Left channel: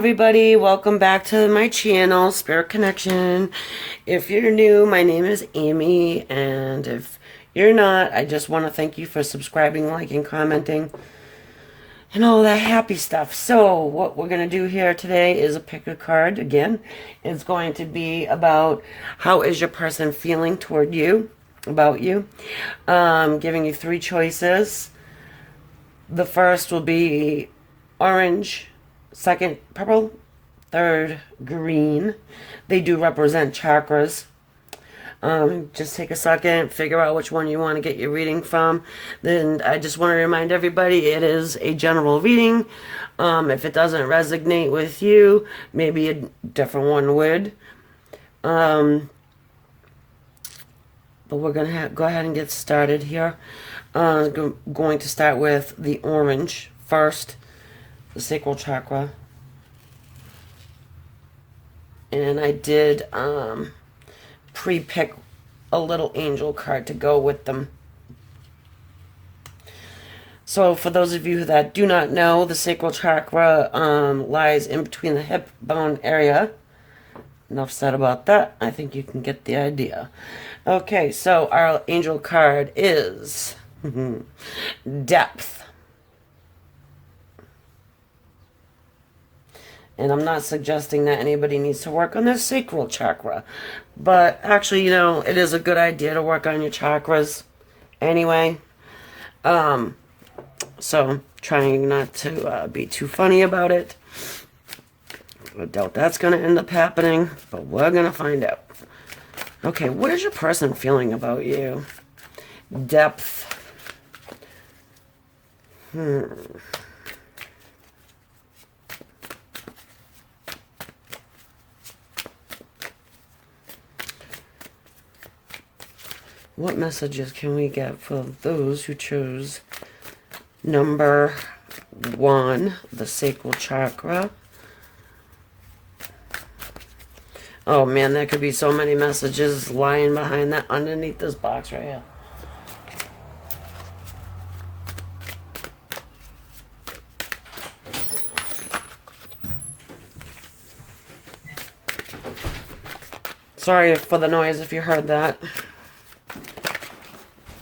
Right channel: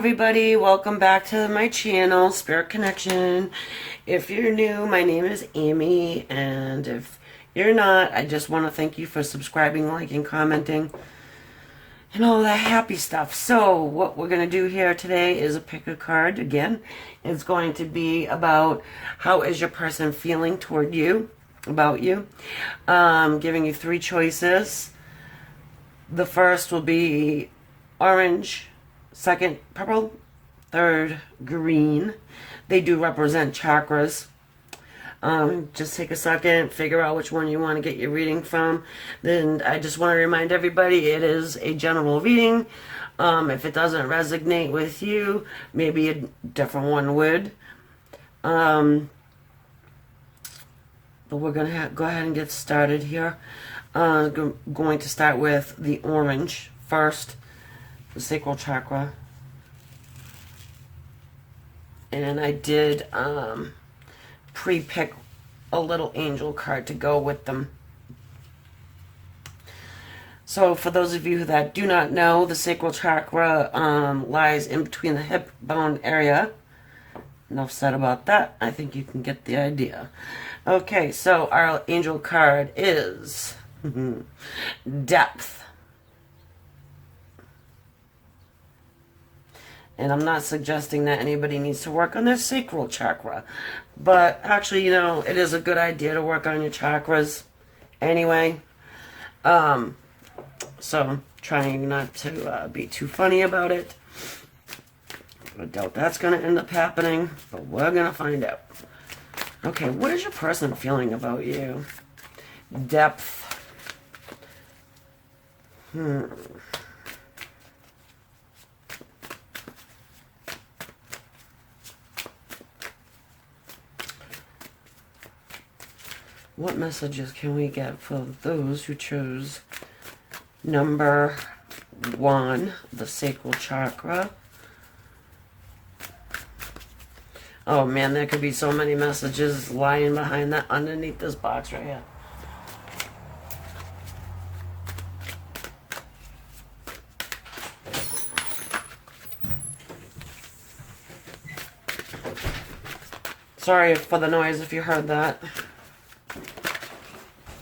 everybody, welcome back to my channel, Spirit Connection. If you're new, my name is Amy, and if you're not, I just want to thank you for subscribing, liking, commenting, and all that happy stuff. So, what we're going to do here today is a pick a card again. It's going to be about how is your person feeling toward you, about you. Giving you three choices. The first will be orange, second purple, third green. They do represent chakras. Just take a second, figure out which one you want to get your reading from. Then I just want to remind everybody it is a general reading. If it doesn't resonate with you, maybe a different one would. But we're going to go ahead and get started here. Going to start with the orange first, the sacral chakra. And I did pre-pick a little angel card to go with them. So for those of you that do not know, the sacral chakra lies in between the hip bone area. Enough said about that. I think you can get the idea. Okay, so our angel card is depth. And I'm not suggesting that anybody needs to work on their sacral chakra. But actually, it is a good idea to work on your chakras anyway. So, trying not to be too funny about it. I doubt that's going to end up happening, but we're going to find out. Okay, what is your person feeling about you? Depth. What messages can we get for those who chose number 1, the sacral chakra? Oh man, there could be so many messages lying behind that, underneath this box right here. Sorry for the noise if you heard that.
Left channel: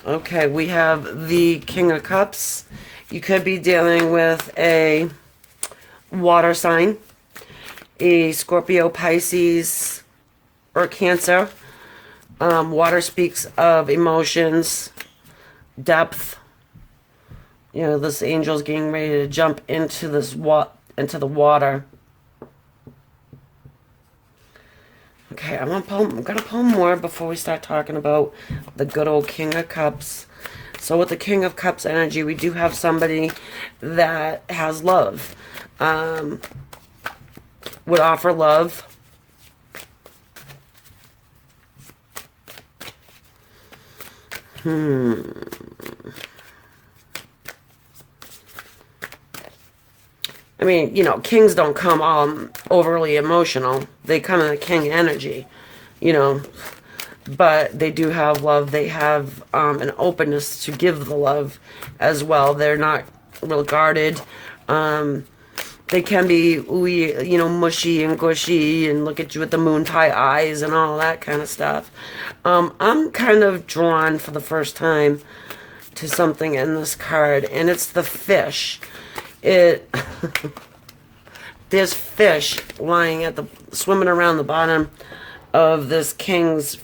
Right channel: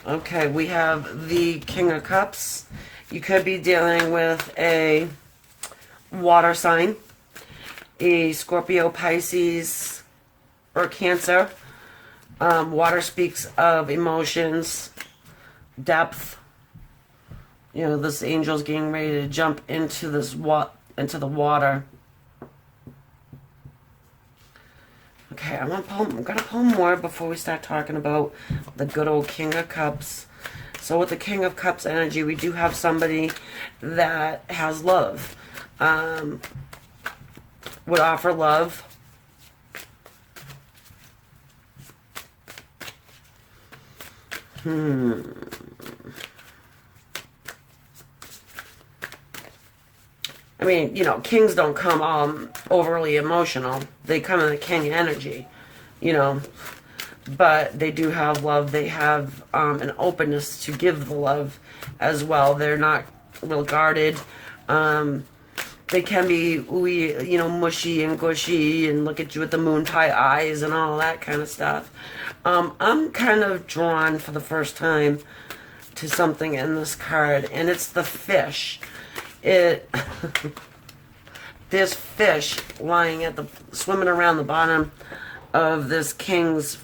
Okay, we have the King of Cups. You could be dealing with a water sign, a Scorpio, Pisces, or Cancer. Water speaks of emotions, depth. This angel's getting ready to jump into into the water. Okay, I'm gonna pull more before we start talking about the good old King of Cups. So with the King of Cups energy, we do have somebody that has love. Would offer love. I mean, kings don't come overly emotional. They come in the king energy, but they do have love. They have an openness to give the love as well. They're not real guarded. They can be, mushy and gushy and look at you with the moon pie eyes and all that kind of stuff. I'm kind of drawn for the first time to something in this card, and it's the fish. There's fish swimming around the bottom of this king's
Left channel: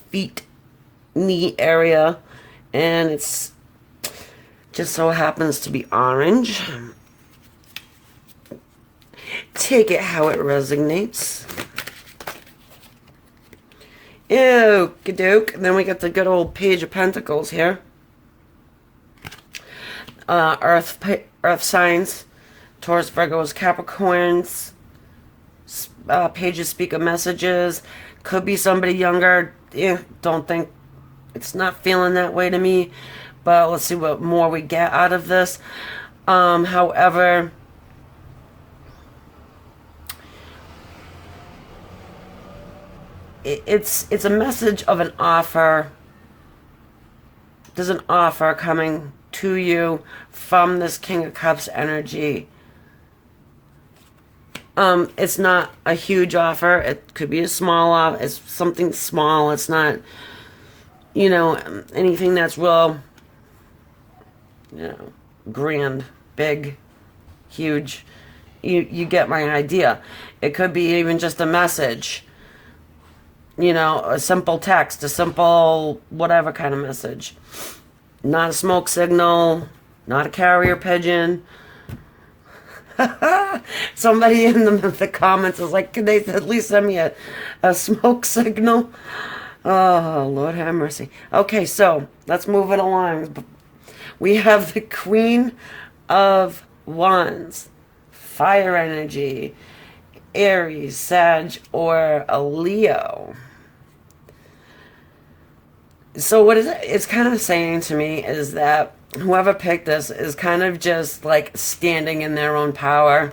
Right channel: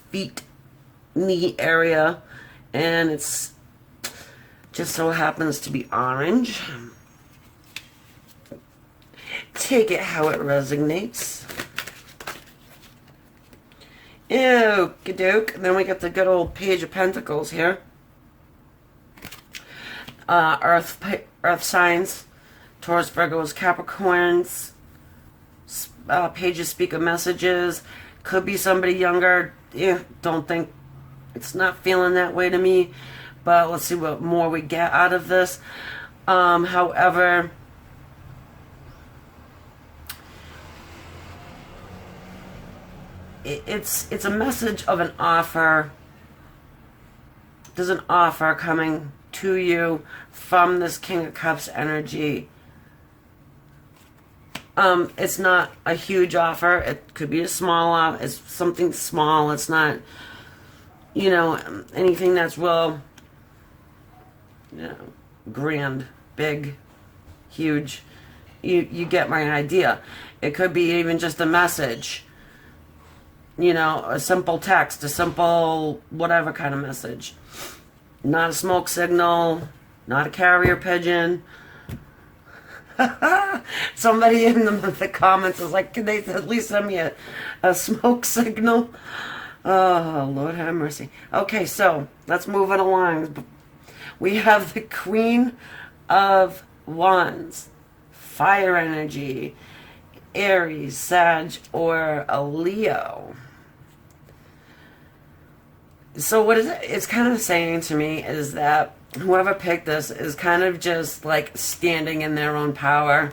knee area, and it's just so happens to be orange. Take it how it resonates. Okie-doke. Then we got the good old Page of Pentacles here. Earth signs. Taurus, Virgos, Capricorns. Pages speak of messages. Could be somebody younger. Don't think, it's not feeling that way to me. But let's see what more we get out of this. However, it's a message of an offer. There's an offer coming to you from this King of Cups energy. It's not a huge offer. It could be a small offer. It's something small. It's not, anything that's real, grand, big, huge. You get my idea. It could be even just a message, a simple text, a simple whatever kind of message. Not a smoke signal, not a carrier pigeon. Somebody in the comments is like, can they at least send me a smoke signal? Oh, Lord have mercy. Okay, so let's move it along. We have the Queen of Wands, fire energy, Aries, Sag, or a Leo. So what it's kind of saying to me is that whoever picked this is kind of just like standing in their own power.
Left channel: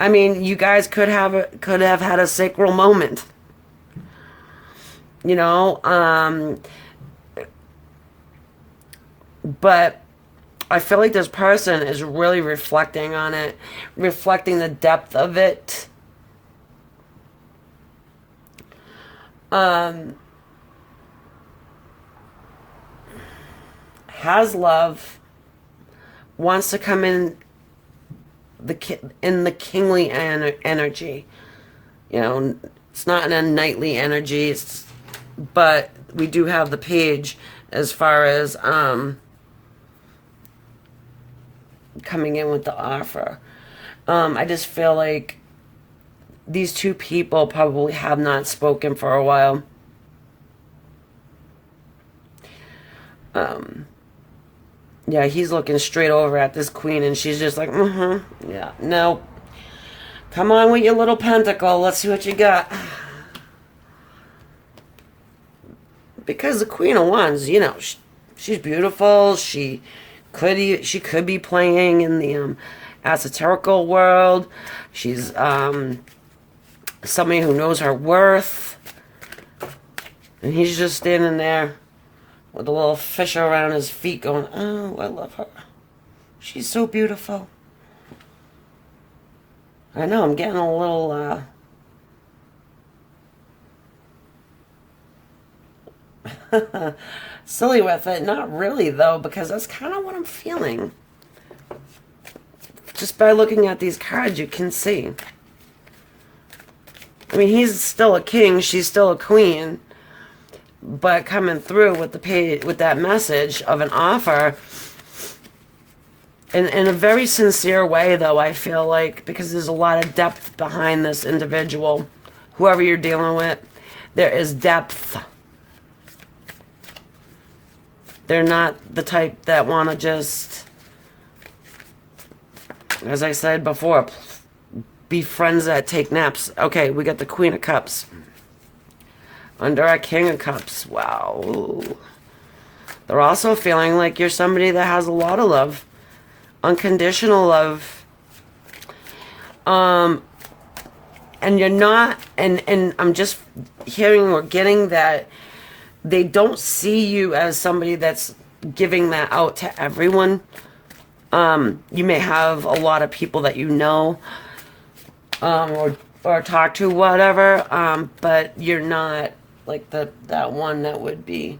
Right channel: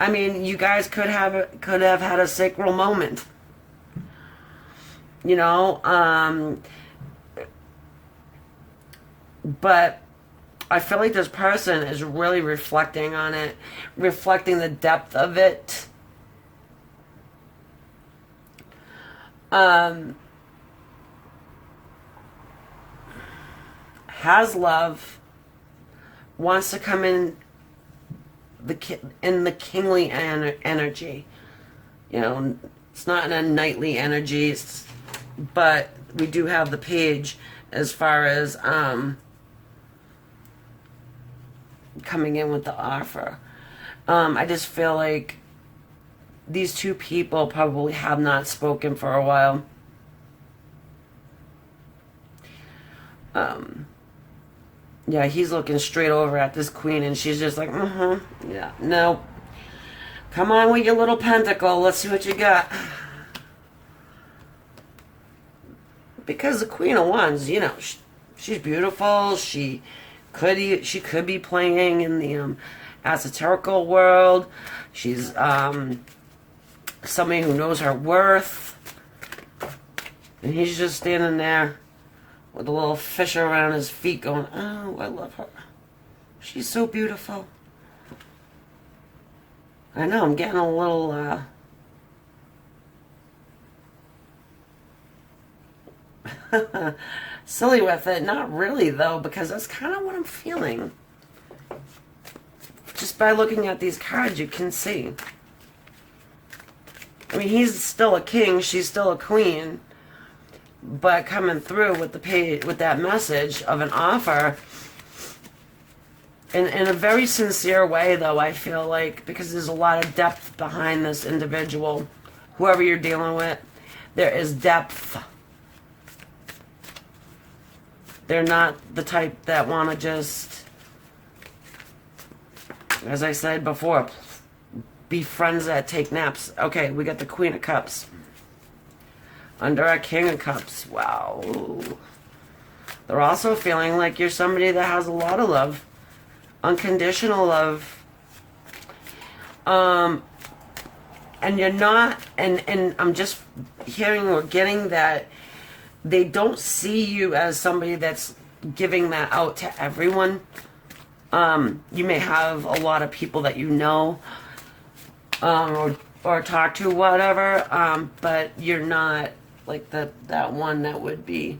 I mean, you guys could have had a sacral moment, you know, but I feel like this person is really reflecting on it, reflecting the depth of it. Has love, wants to come in the kingly energy. It's not in a knightly energy, but we do have the page as far as coming in with the offer. I just feel like these two people probably have not spoken for a while. Yeah, he's looking straight over at this queen, and she's just like, yeah, no. Come on with your little pentacle. Let's see what you got. Because the Queen of Wands, she's beautiful. She could be playing in the esoterical world. She's somebody who knows her worth, and he's just standing there with a little fisher around his feet going, oh, I love her. She's so beautiful. I know, I'm getting a little, silly with it. Not really, though, because that's kind of what I'm feeling. Just by looking at these cards, you can see. I mean, he's still a king, she's still a queen. But coming through with with that message of an offer, in a very sincere way, though, I feel like, because there's a lot of depth behind this individual, whoever you're dealing with, there is depth. They're not the type that want to just, as I said before, be friends that take naps. Okay, we got the Queen of Cups. Under our King of Cups. Wow. They're also feeling like you're somebody that has a lot of love. Unconditional love. And you're not, and I'm just hearing or getting that they don't see you as somebody that's giving that out to everyone. You may have a lot of people that you know, or talk to, whatever, but you're not like that one that would be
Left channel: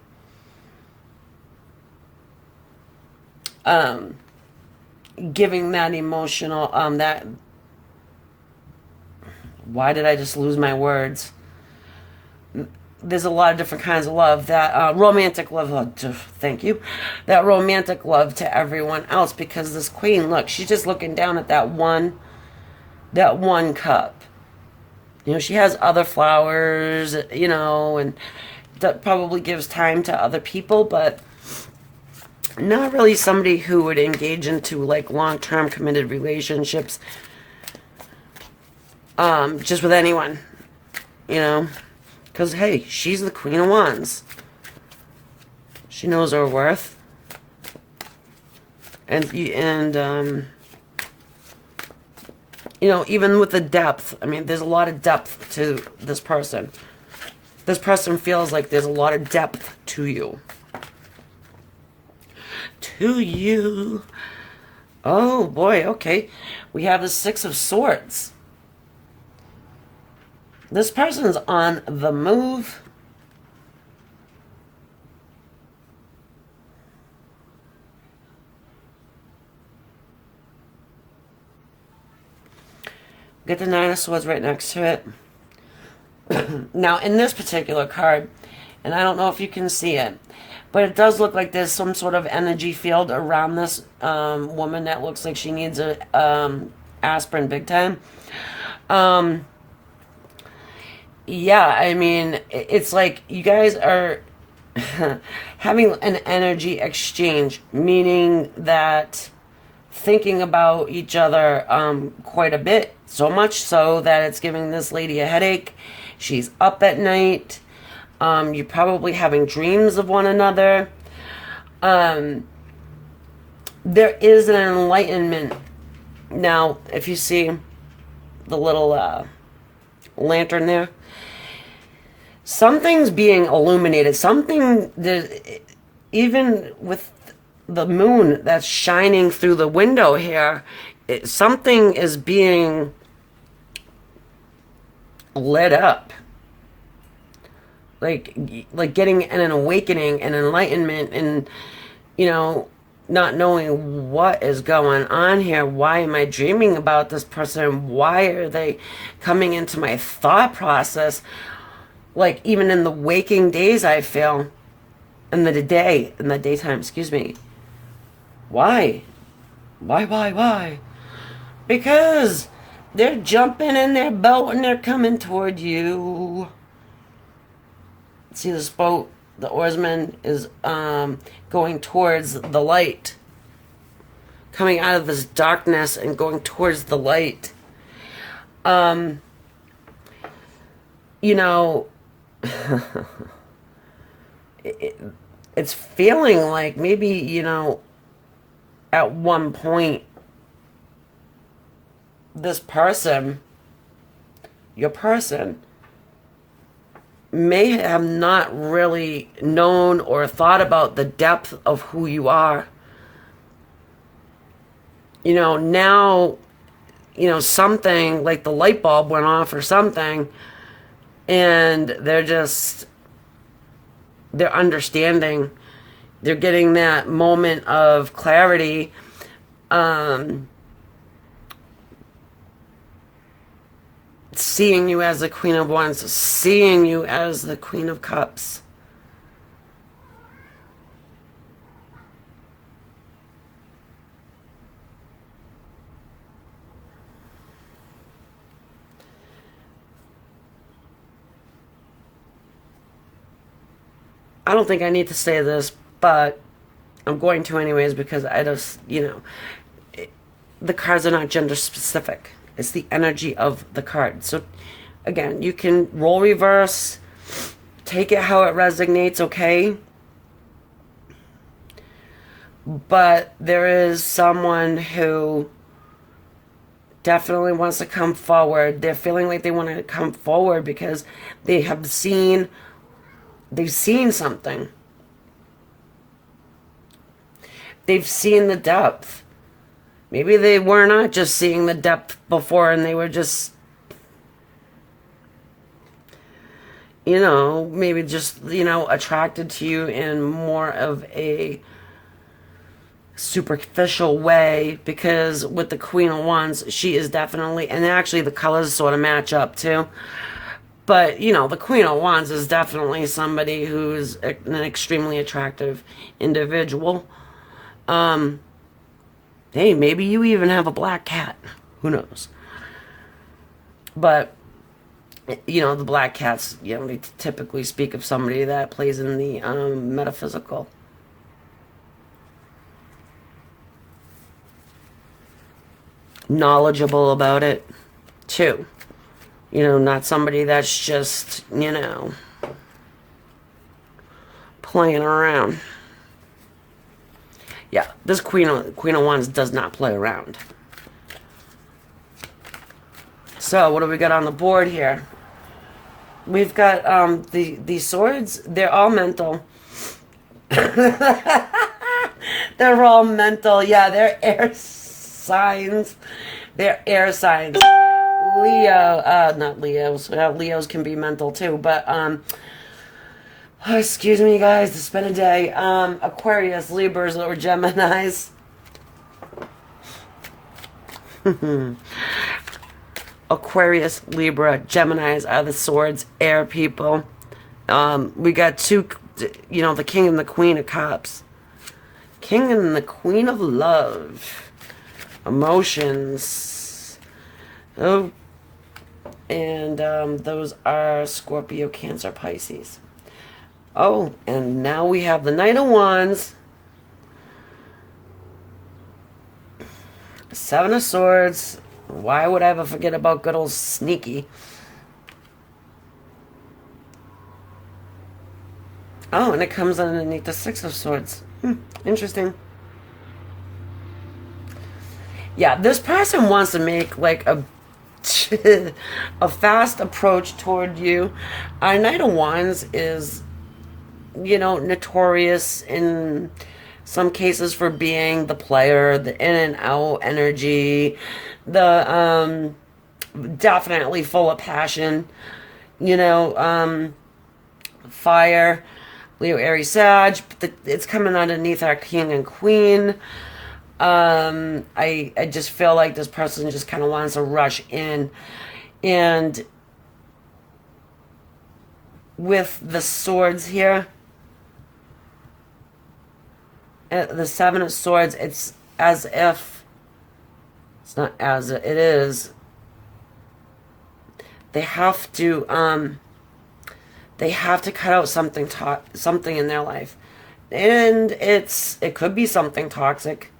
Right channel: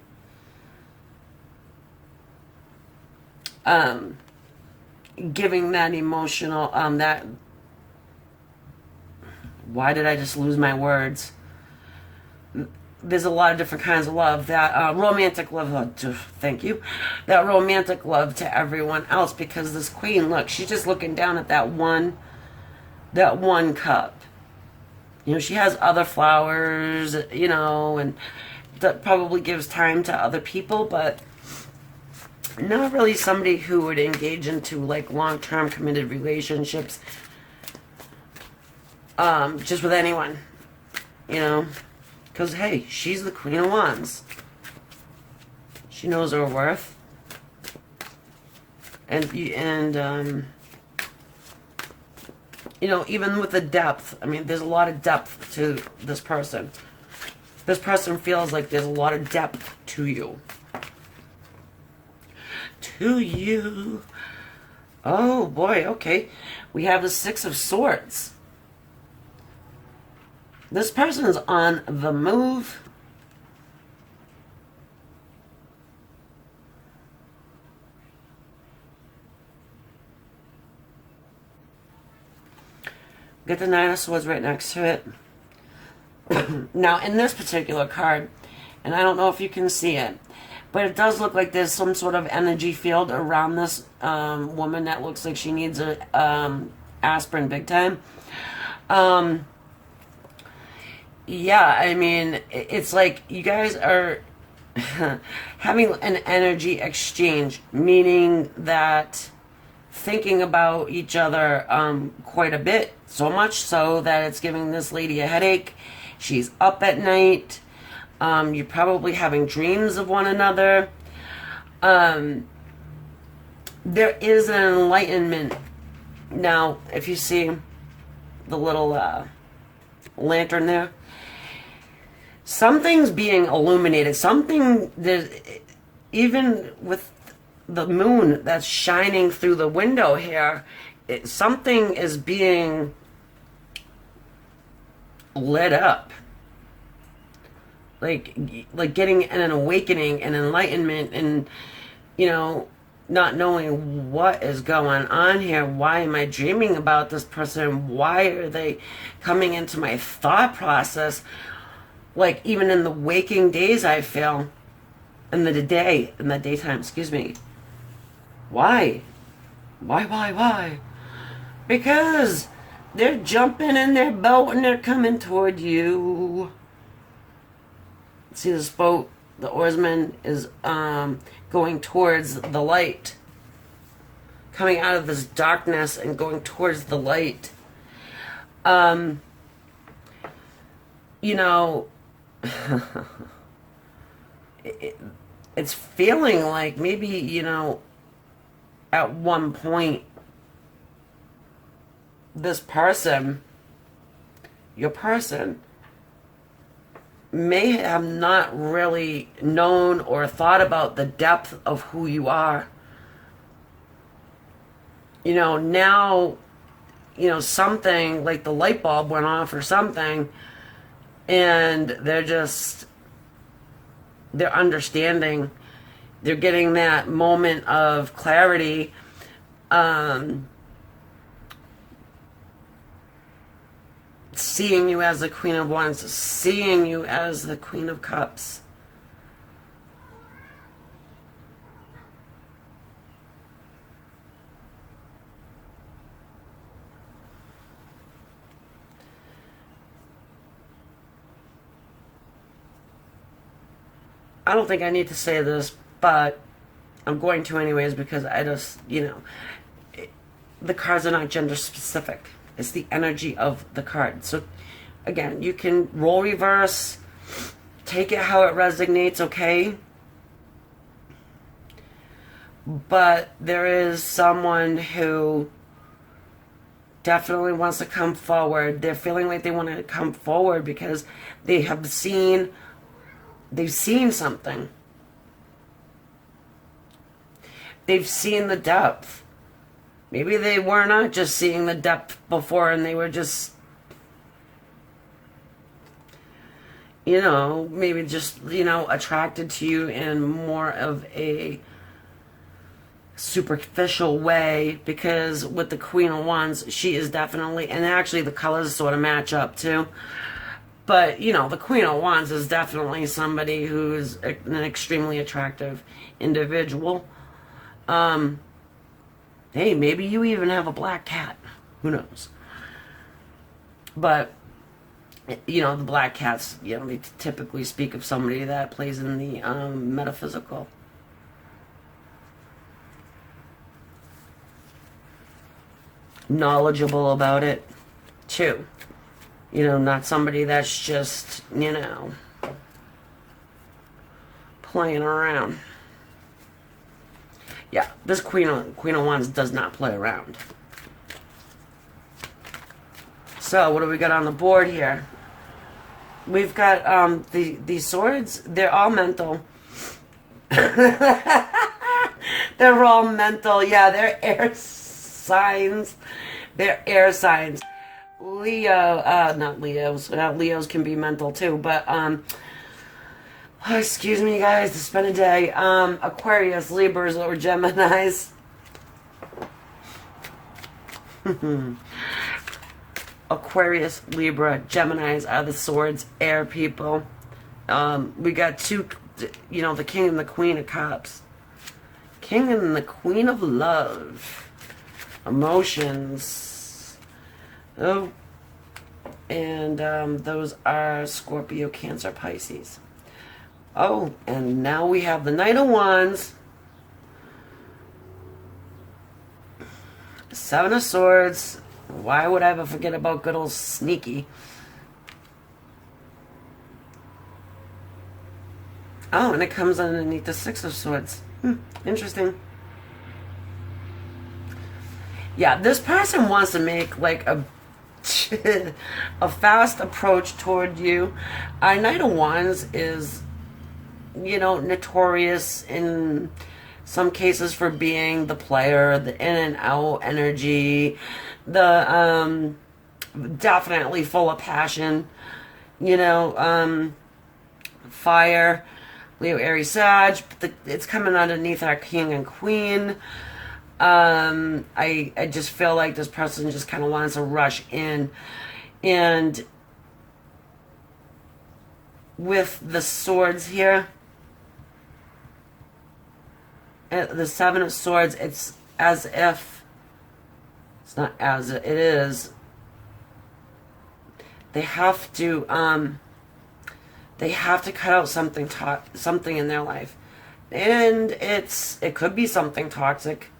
giving that emotional that why did I just lose my words? There's a lot of different kinds of love. That romantic love, thank you, that romantic love to everyone else, because this queen, look, she's just looking down at that one cup. She has other flowers, and that probably gives time to other people, but not really somebody who would engage into like long-term committed relationships, just with anyone, because hey, she's the Queen of Wands. She knows her worth, and even with the depth, I mean, there's a lot of depth to this person. This person feels like there's a lot of depth to you. Oh boy, okay. We have the Six of Swords. This person's on the move. Get the Nine of Swords right next to it. Now, in this particular card, and I don't know if you can see it, but it does look like there's some sort of energy field around this woman that looks like she needs a aspirin big time. Yeah, I mean, it's like you guys are having an energy exchange, meaning that thinking about each other quite a bit, so much so that it's giving this lady a headache. She's up at night. You're probably having dreams of one another. There is an enlightenment. Now, if you see the little lantern there, something's being illuminated. Something that, even with the moon that's shining through the window here, something is being lit up, like getting an awakening, an enlightenment, and not knowing what is going on here. Why am I dreaming about this person? Why are they coming into my thought process? Like, even in the waking days, I feel in the daytime, excuse me. Why? Why? Because they're jumping in their boat and they're coming toward you. See this boat? The oarsman is going towards the light. Coming out of this darkness and going towards the light. It's feeling like maybe, at one point, this person, your person, may have not really known or thought about the depth of who you are. Now, something like the light bulb went off or something, and they're understanding, they're getting that moment of clarity. Seeing you as the Queen of Wands, seeing you as the Queen of Cups. I don't think I need to say this, but I'm going to anyways, because I just, the cards are not gender specific. It's the energy of the card. So, again, you can roll reverse, take it how it resonates, okay? But there is someone who definitely wants to come forward. They're feeling like they want to come forward because they've seen something. They've seen the depth. Maybe they were not just seeing the depth before, and they were just, maybe just, attracted to you in more of a superficial way, because with the Queen of Wands, she is definitely, and actually the colors sort of match up too. But, the Queen of Wands is definitely somebody who is an extremely attractive individual. Hey, maybe you even have a black cat. Who knows? But, the black cats, they typically speak of somebody that plays in the metaphysical. Knowledgeable about it, too. Not somebody that's just, playing around. Yeah, this Queen of Wands does not play around. So, what do we got on the board here? We've got the swords. They're all mental. They're all mental. Yeah, they're air signs. They're air signs. Leo, not Leos. Leos can be mental too, but oh, excuse me, guys. It's been a day. Aquarius, Libras, or Geminis. Aquarius, Libra, Geminis are the swords, air people. We got two, the King and the Queen of Cups. King and the Queen of Love. Emotions. Oh. And those are Scorpio, Cancer, Pisces. Oh, and now we have the Knight of Wands. Seven of Swords. Why would I ever forget about good old Sneaky? Oh, and it comes underneath the Six of Swords. Interesting. Yeah, this person wants to make like a a fast approach toward you. Our Knight of Wands is, notorious in some cases for being the player, the in and out energy, the definitely full of passion, fire, Leo, Aries, Sag. It's coming underneath our King and Queen. I just feel like this person just kind of wants to rush in, and with the swords here, the Seven of Swords, it's as if, it's not as it is, they have to cut out something in their life, and it could be something toxic.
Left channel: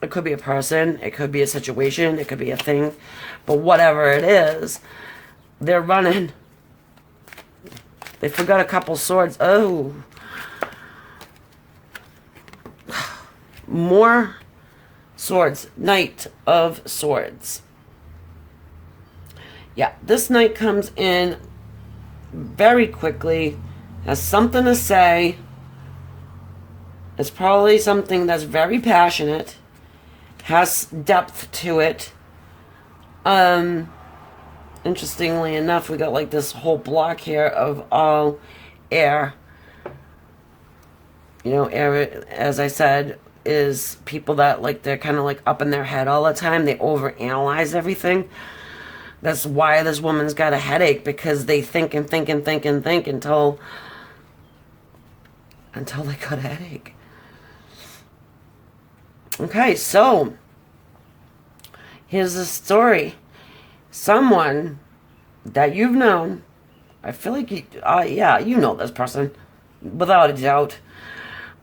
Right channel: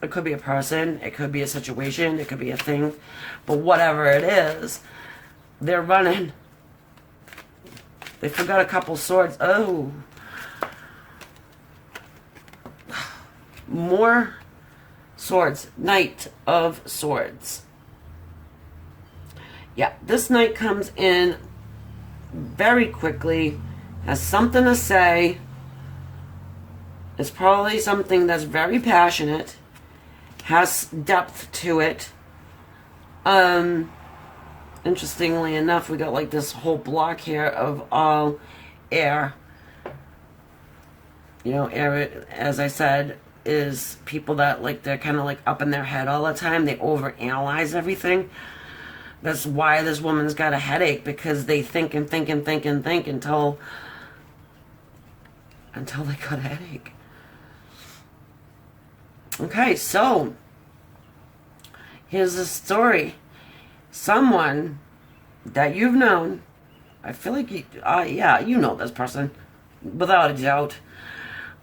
It could be a person, it could be a situation, it could be a thing, but whatever it is, they're running. They forgot a couple swords. Oh. More swords. Knight of Swords. Yeah, this knight comes in very quickly, has something to say. It's probably something that's very passionate, has depth to it. Interestingly enough, we got like this whole block here of all air. Air, as I said, is people that they're kind of like up in their head all the time. They overanalyze everything. That's why this woman's got a headache, because they think and think and think and think until they got a headache. Okay, so here's the story. Someone that you've known, I feel like you know this person, without a doubt.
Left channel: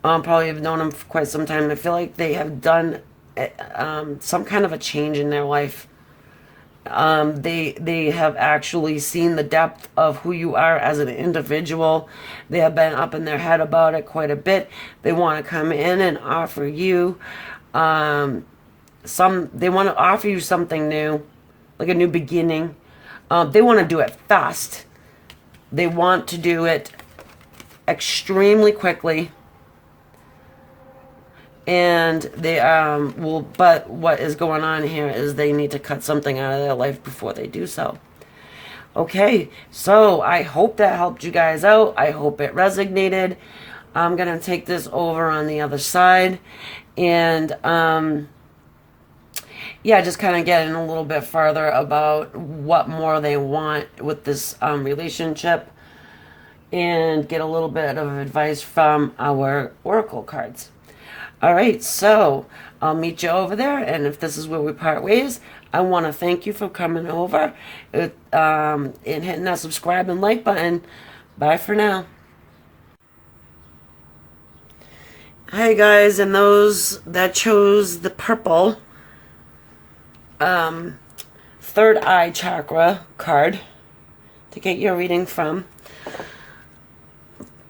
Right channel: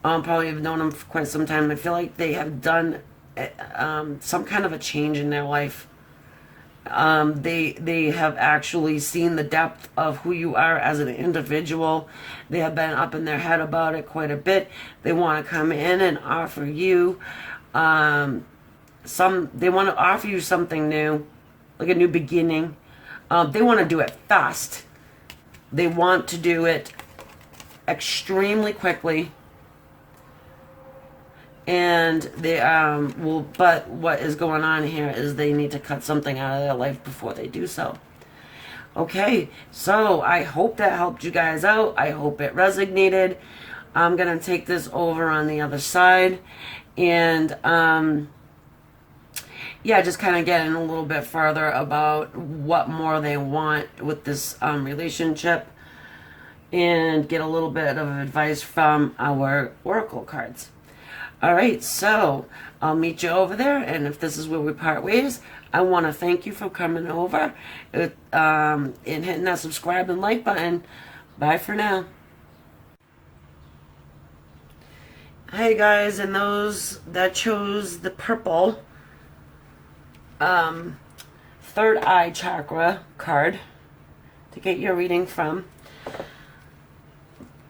Probably have known them for quite some time. I feel like they have done some kind of a change in their life. They have actually seen the depth of who you are as an individual. They have been up in their head about it quite a bit. They want to come in and offer you they want to offer you something new, like a new beginning. They want to do it fast. They want to do it extremely quickly. And they but what is going on here is they need to cut something out of their life before they do so. Okay, so I hope that helped you guys out. I hope it resonated. I'm gonna take this over on the other side, and just kind of getting a little bit further about what more they want with this relationship, and get a little bit of advice from our oracle cards. All right, so I'll meet you over there, and if this is where we part ways, I want to thank you for coming over and hitting that subscribe and like button. Bye for now. Hey guys, and those that chose the purple third eye chakra card to get your reading from.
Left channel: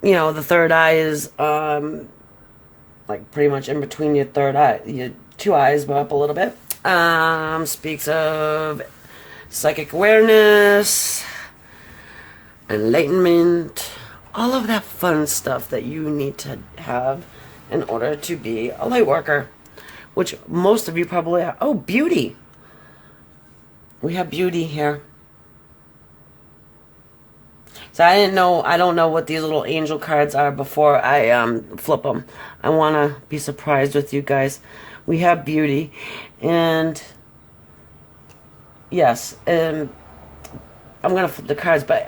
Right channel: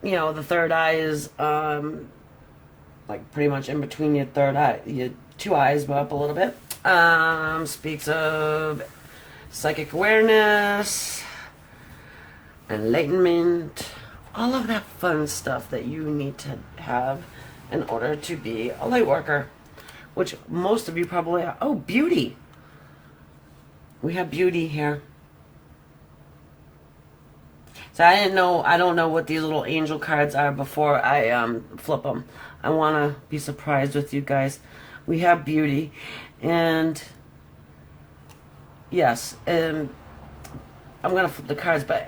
The third eye is like pretty much in between your third eye, your two eyes, but up a little bit. Speaks of psychic awareness, enlightenment, all of that fun stuff that you need to have in order to be a light worker, which most of you probably are. Oh, beauty. We have beauty here. So I don't know what these little angel cards are before I flip them. I want to be surprised with you guys. We have beauty, and yes, I'm gonna flip the cards, but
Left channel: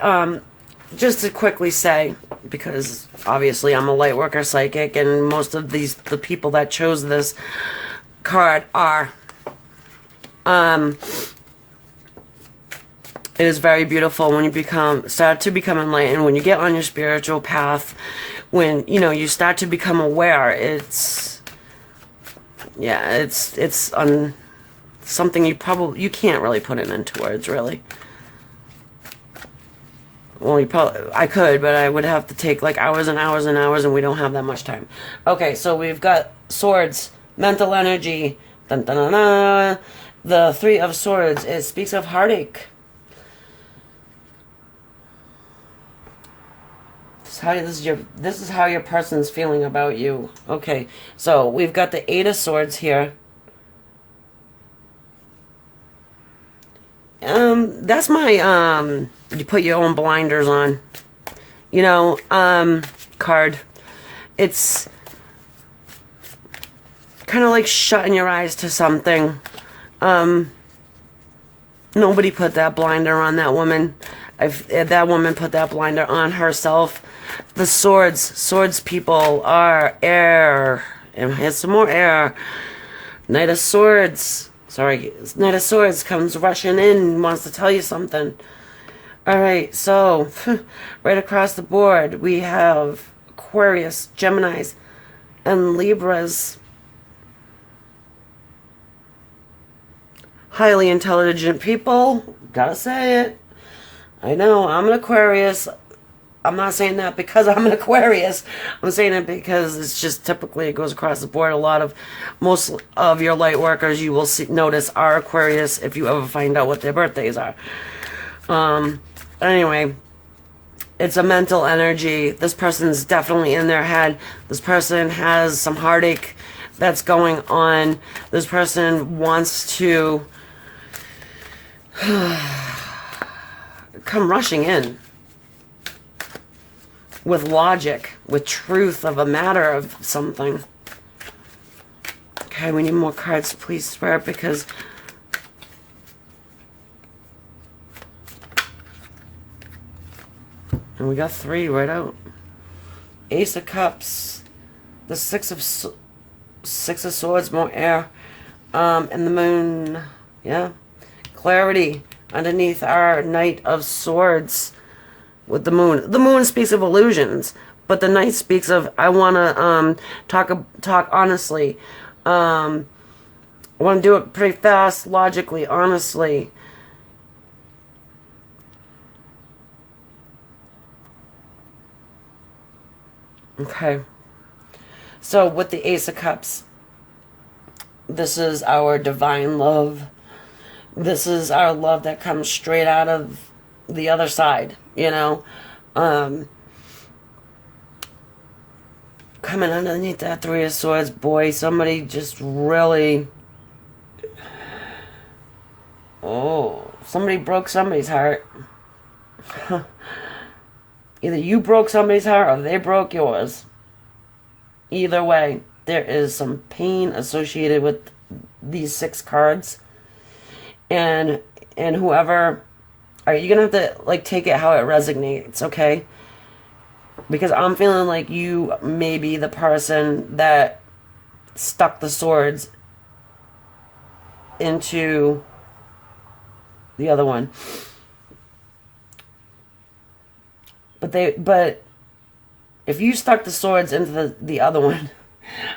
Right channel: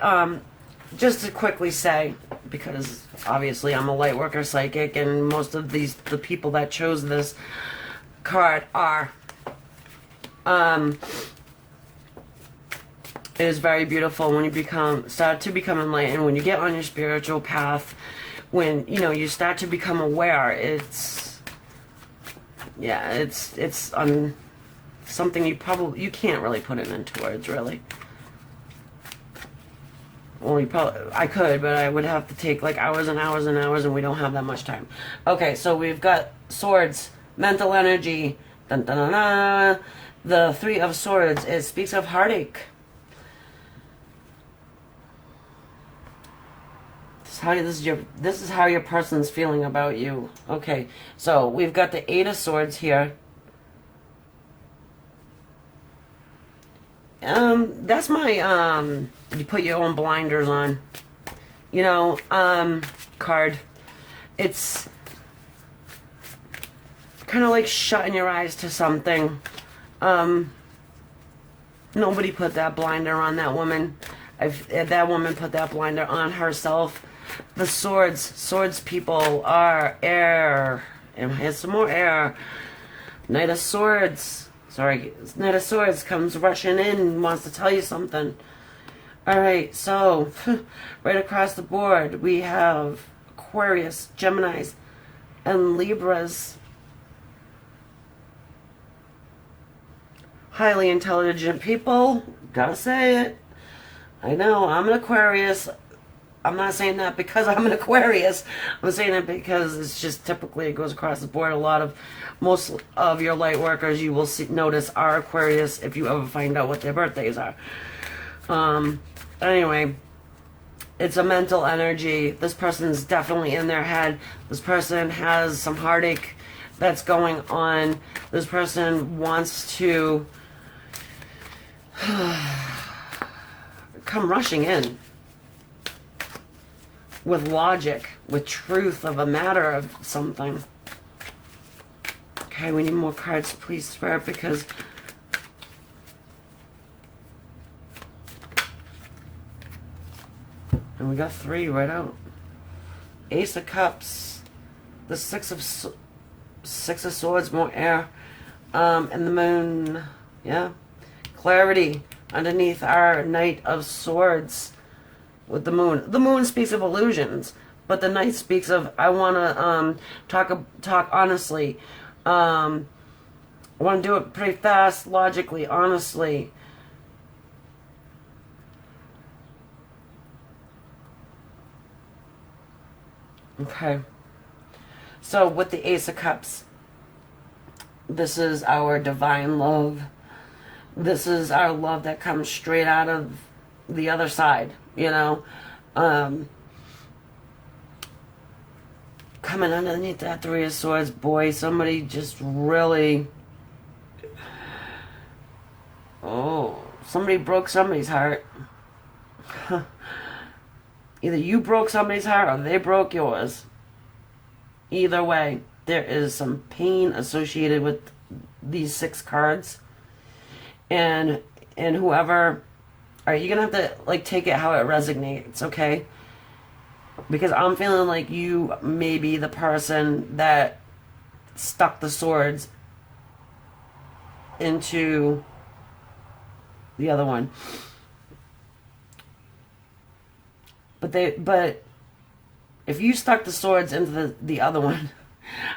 just to quickly say, because obviously I'm a light worker psychic, and most of the people that chose this card are, it is very beautiful when you start to become enlightened, when you get on your spiritual path, when, you know, you start to become aware. It's something you can't really put it into words, really. Well, I could, but I would have to take like hours and hours and hours, and we don't have that much time. Okay, so we've got swords, mental energy, dun, dun, dun, dun. The Three of Swords, it speaks of heartache. This is how your person's feeling about you. Okay, so we've got the Eight of Swords here. That's my you put your own blinders on, you know, card. It's kind of like shutting your eyes to something. Nobody put that blinder on that woman. That woman put that blinder on herself. The swords people are air, and here's some more air. Knight of Swords. Sorry, Knight of Swords comes rushing in and wants to tell you something. Alright, so, right across the board, we have Aquarius, Geminis, and Libras. Highly intelligent people. Gotta say it. I know, I'm an Aquarius. I'm not saying that because I'm an Aquarius. I'm saying it because it's just typically it goes across the board. Most of your light workers you will notice are Aquarius if you ever find out what their birthdays are. Anyway, it's a mental energy. This person's definitely in their head. This person has some heartache that's going on. This person wants to come rushing in with logic, with truth of a matter of something. Okay, we need more cards, please, Spirit, because and we got three right out. Ace of Cups, the Six of Swords, more air, and the Moon. Yeah, clarity underneath our Knight of Swords. With the Moon. The Moon speaks of illusions, but the Knight speaks of, I want to talk honestly. I want to do it pretty fast, logically, honestly. Okay. So with the Ace of Cups, this is our divine love. This is our love that comes straight out of the other side, you know. Coming underneath that Three of Swords, boy, somebody just really, somebody broke somebody's heart. Either you broke somebody's heart or they broke yours. Either way, there is some pain associated with these 6 cards, and whoever. All right, you're gonna have to like take it how it resonates, okay? Because I'm feeling like you may be the person that stuck the swords into the other one. But if you stuck the swords into the other one,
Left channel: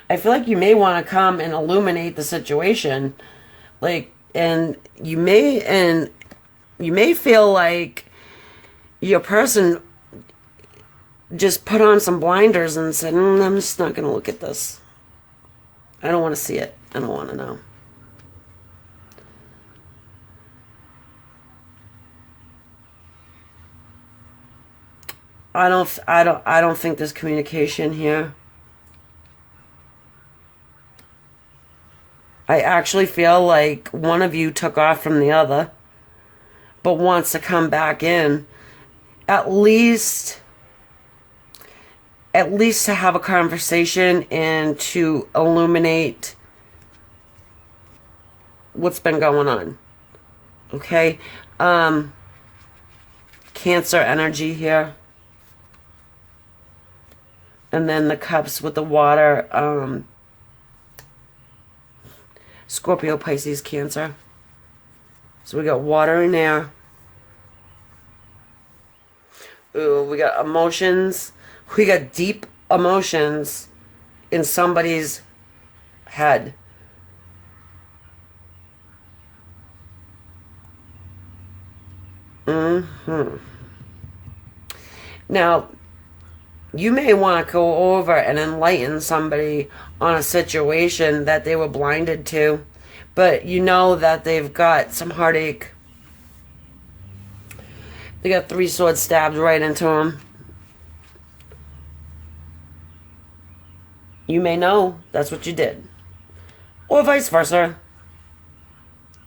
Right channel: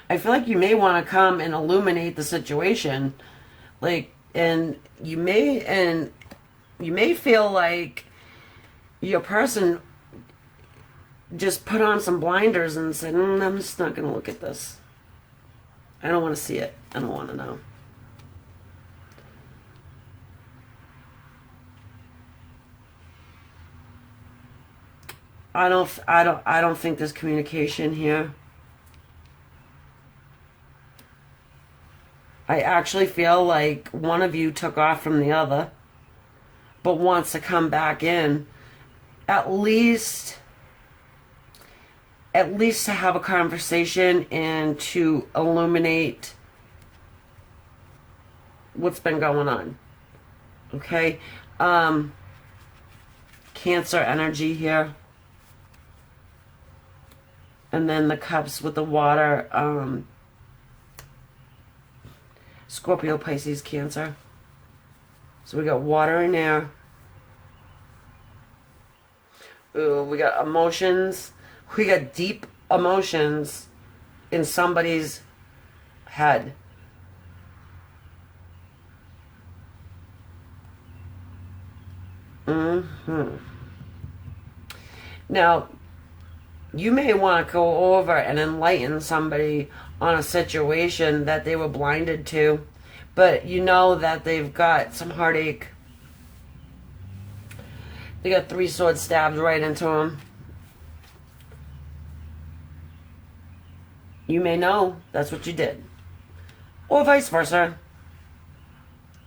I feel like you may want to come and illuminate the situation, like, and you may feel like your person just put on some blinders and said, I'm just not going to look at this. I don't want to see it. I don't want to know. I don't think there's communication here. I actually feel like one of you took off from the other. but wants to come back in, at least to have a conversation and to illuminate what's been going on. Okay? Cancer energy here. And then the cups with the water. Scorpio, Pisces, Cancer. So we got water and air. Ooh, we got emotions. We got deep emotions in somebody's head. Now, you may want to go over and enlighten somebody on a situation that they were blinded to, but you know that they've got some heartache. They got 3 swords stabbed right into them. You may know that's what you did. Or vice versa.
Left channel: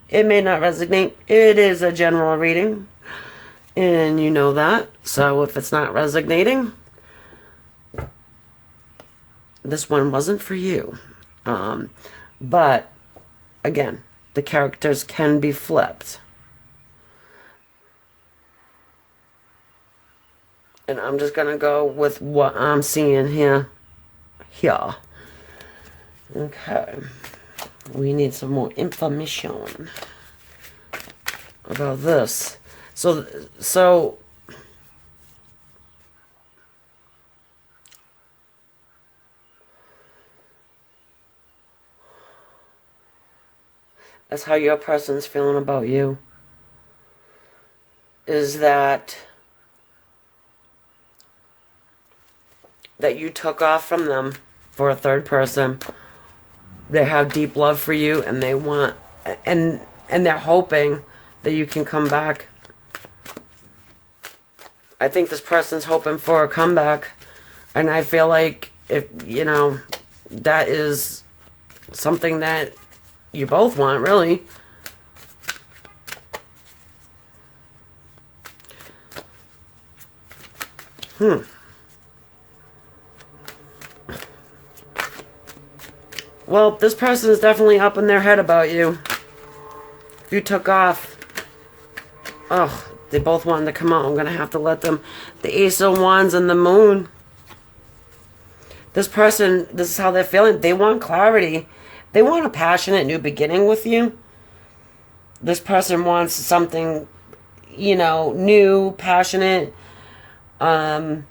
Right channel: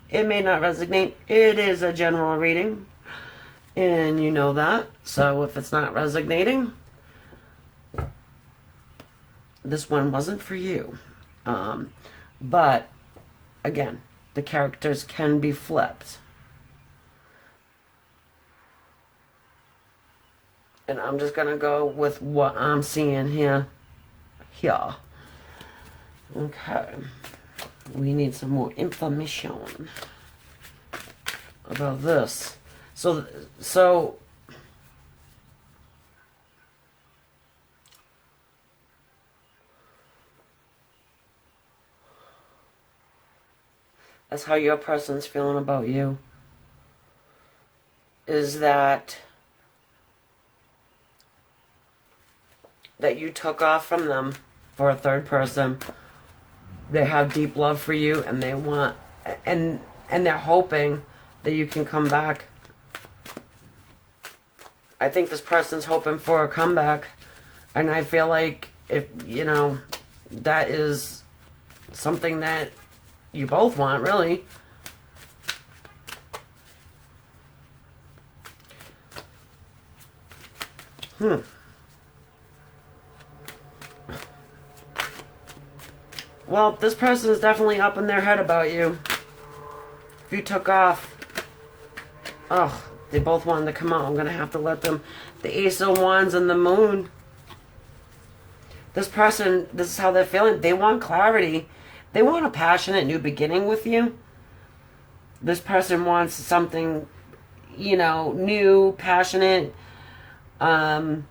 It may not resonate. It is a general reading. And you know that. So if it's not resonating, this one wasn't for you. But, again, the characters can be flipped. And I'm just going to go with what I'm seeing here. Okay. We need some more information about this. So that's how your person's feeling about you. Is that you took off from them for a third person. They have deep love for you, and they want, and they're hoping that you can come back. I think this person's hoping for a comeback, and I feel like if, that is something that you both want, really. Well, this person is definitely up in their head about you. If you took off, they both wanted to come out. I'm going to have to let them. The Ace of Wands and the Moon. This person, this is how they're feeling. They want clarity. They want a passionate new beginning with you. This person wants something, new, passionate. They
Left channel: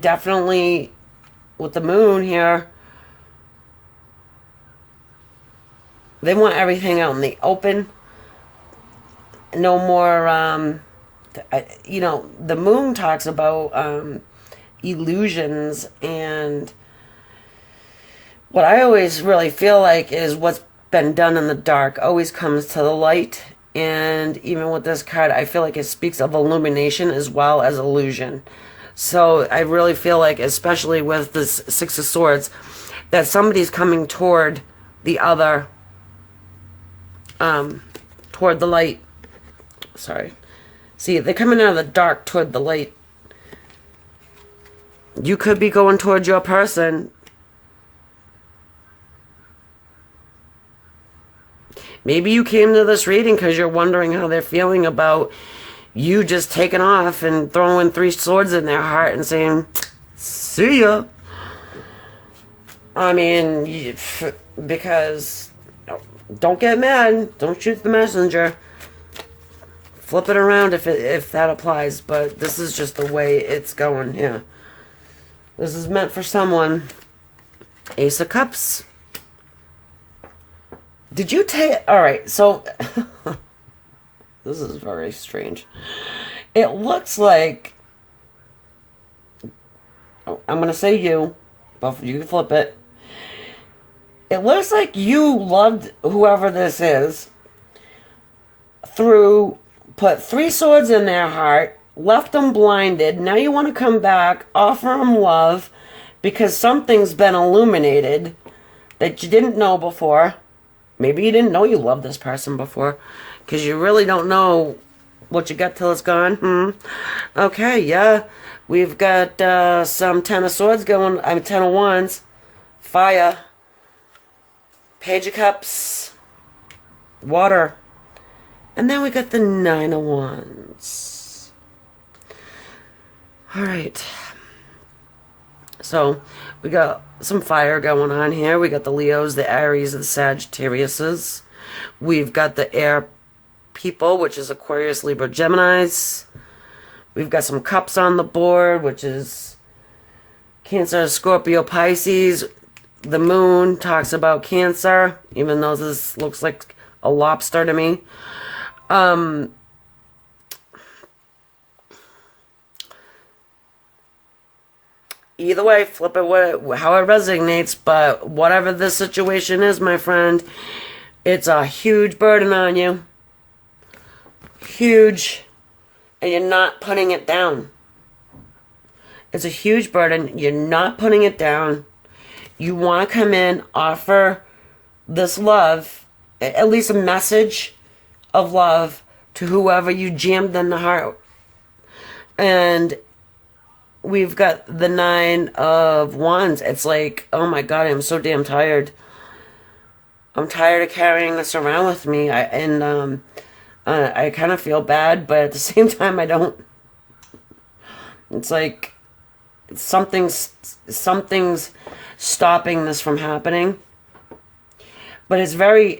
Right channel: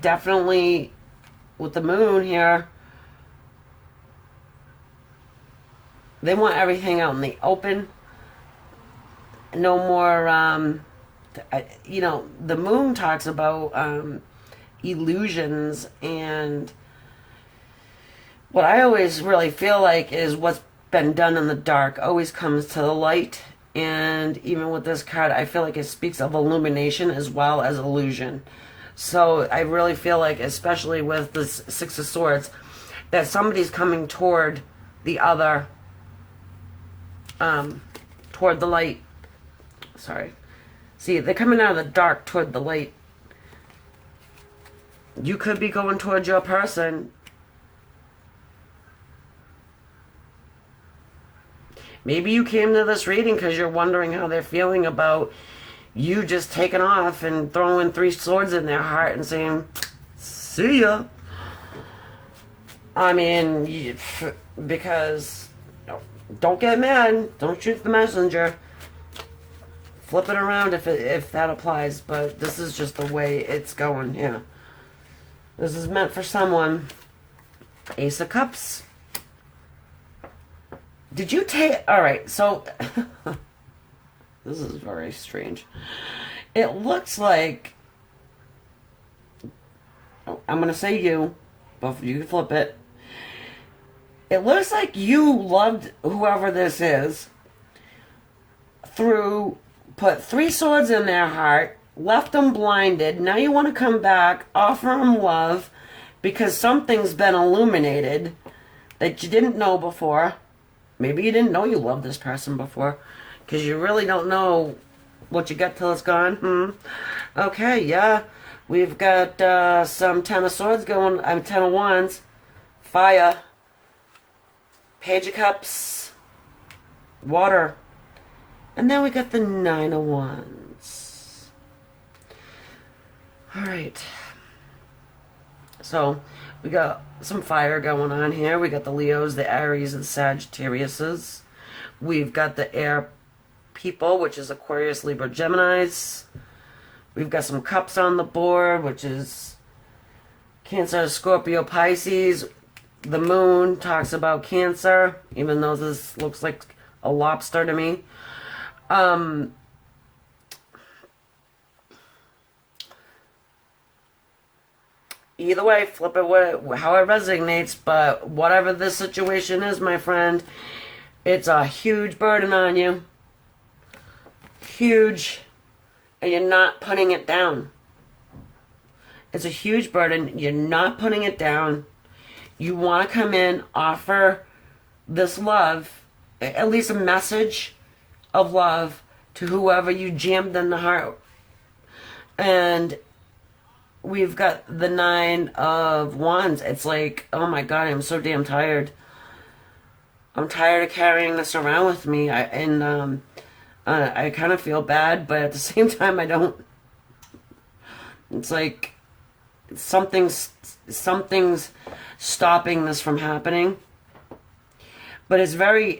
definitely, with the Moon here, they want everything out in the open. No more, the Moon talks about illusions, and what I always really feel like is what's been done in the dark always comes to the light. And even with this card, I feel like it speaks of illumination as well as illusion. So I really feel like, especially with this 6 of Swords, that somebody's coming toward the other, toward the light. Sorry. See, they're coming out of the dark toward the light. You could be going towards your person. Maybe you came to this reading because you're wondering how they're feeling about you just taking off and throwing 3 swords in their heart and saying, see ya. I mean, because don't get mad. Don't shoot the messenger. Flip it around if that applies. But this is just the way it's going. Yeah. This is meant for someone. Ace of Cups. Did you take... Alright, so... This is very strange. It looks like... I'm going to say you, but you can flip it. It looks like you loved whoever this is put 3 swords in their heart, left them blinded. Now you want to come back, offer them love, because something's been illuminated that you didn't know before. Maybe you didn't know you loved this person before. Because you really don't know what you got till it's gone. Okay, yeah. We've got some Ten of Swords going. I'm Ten of Wands. Fire. Page of Cups. Water. And then we got the Nine of Wands. Alright. So, we got some fire going on here. We got the Leos, the Aries, the Sagittariuses. We've got the air people, which is Aquarius, Libra, Geminis. We've got some cups on the board, which is Cancer, Scorpio, Pisces. The moon talks about Cancer, even though this looks like a lobster to me. Either way, flip it how it resonates, but whatever the situation is, my friend, it's a huge burden on you. Huge. And you're not putting it down. It's a huge burden. You're not putting it down. You want to come in, offer this love, at least a message of love to whoever you jammed in the heart. And we've got the Nine of Wands. It's like, oh my God, I'm so damn tired. I'm tired of carrying this around with me. I kind of feel bad, but at the same time, I don't. It's like something's stopping this from happening. But it's very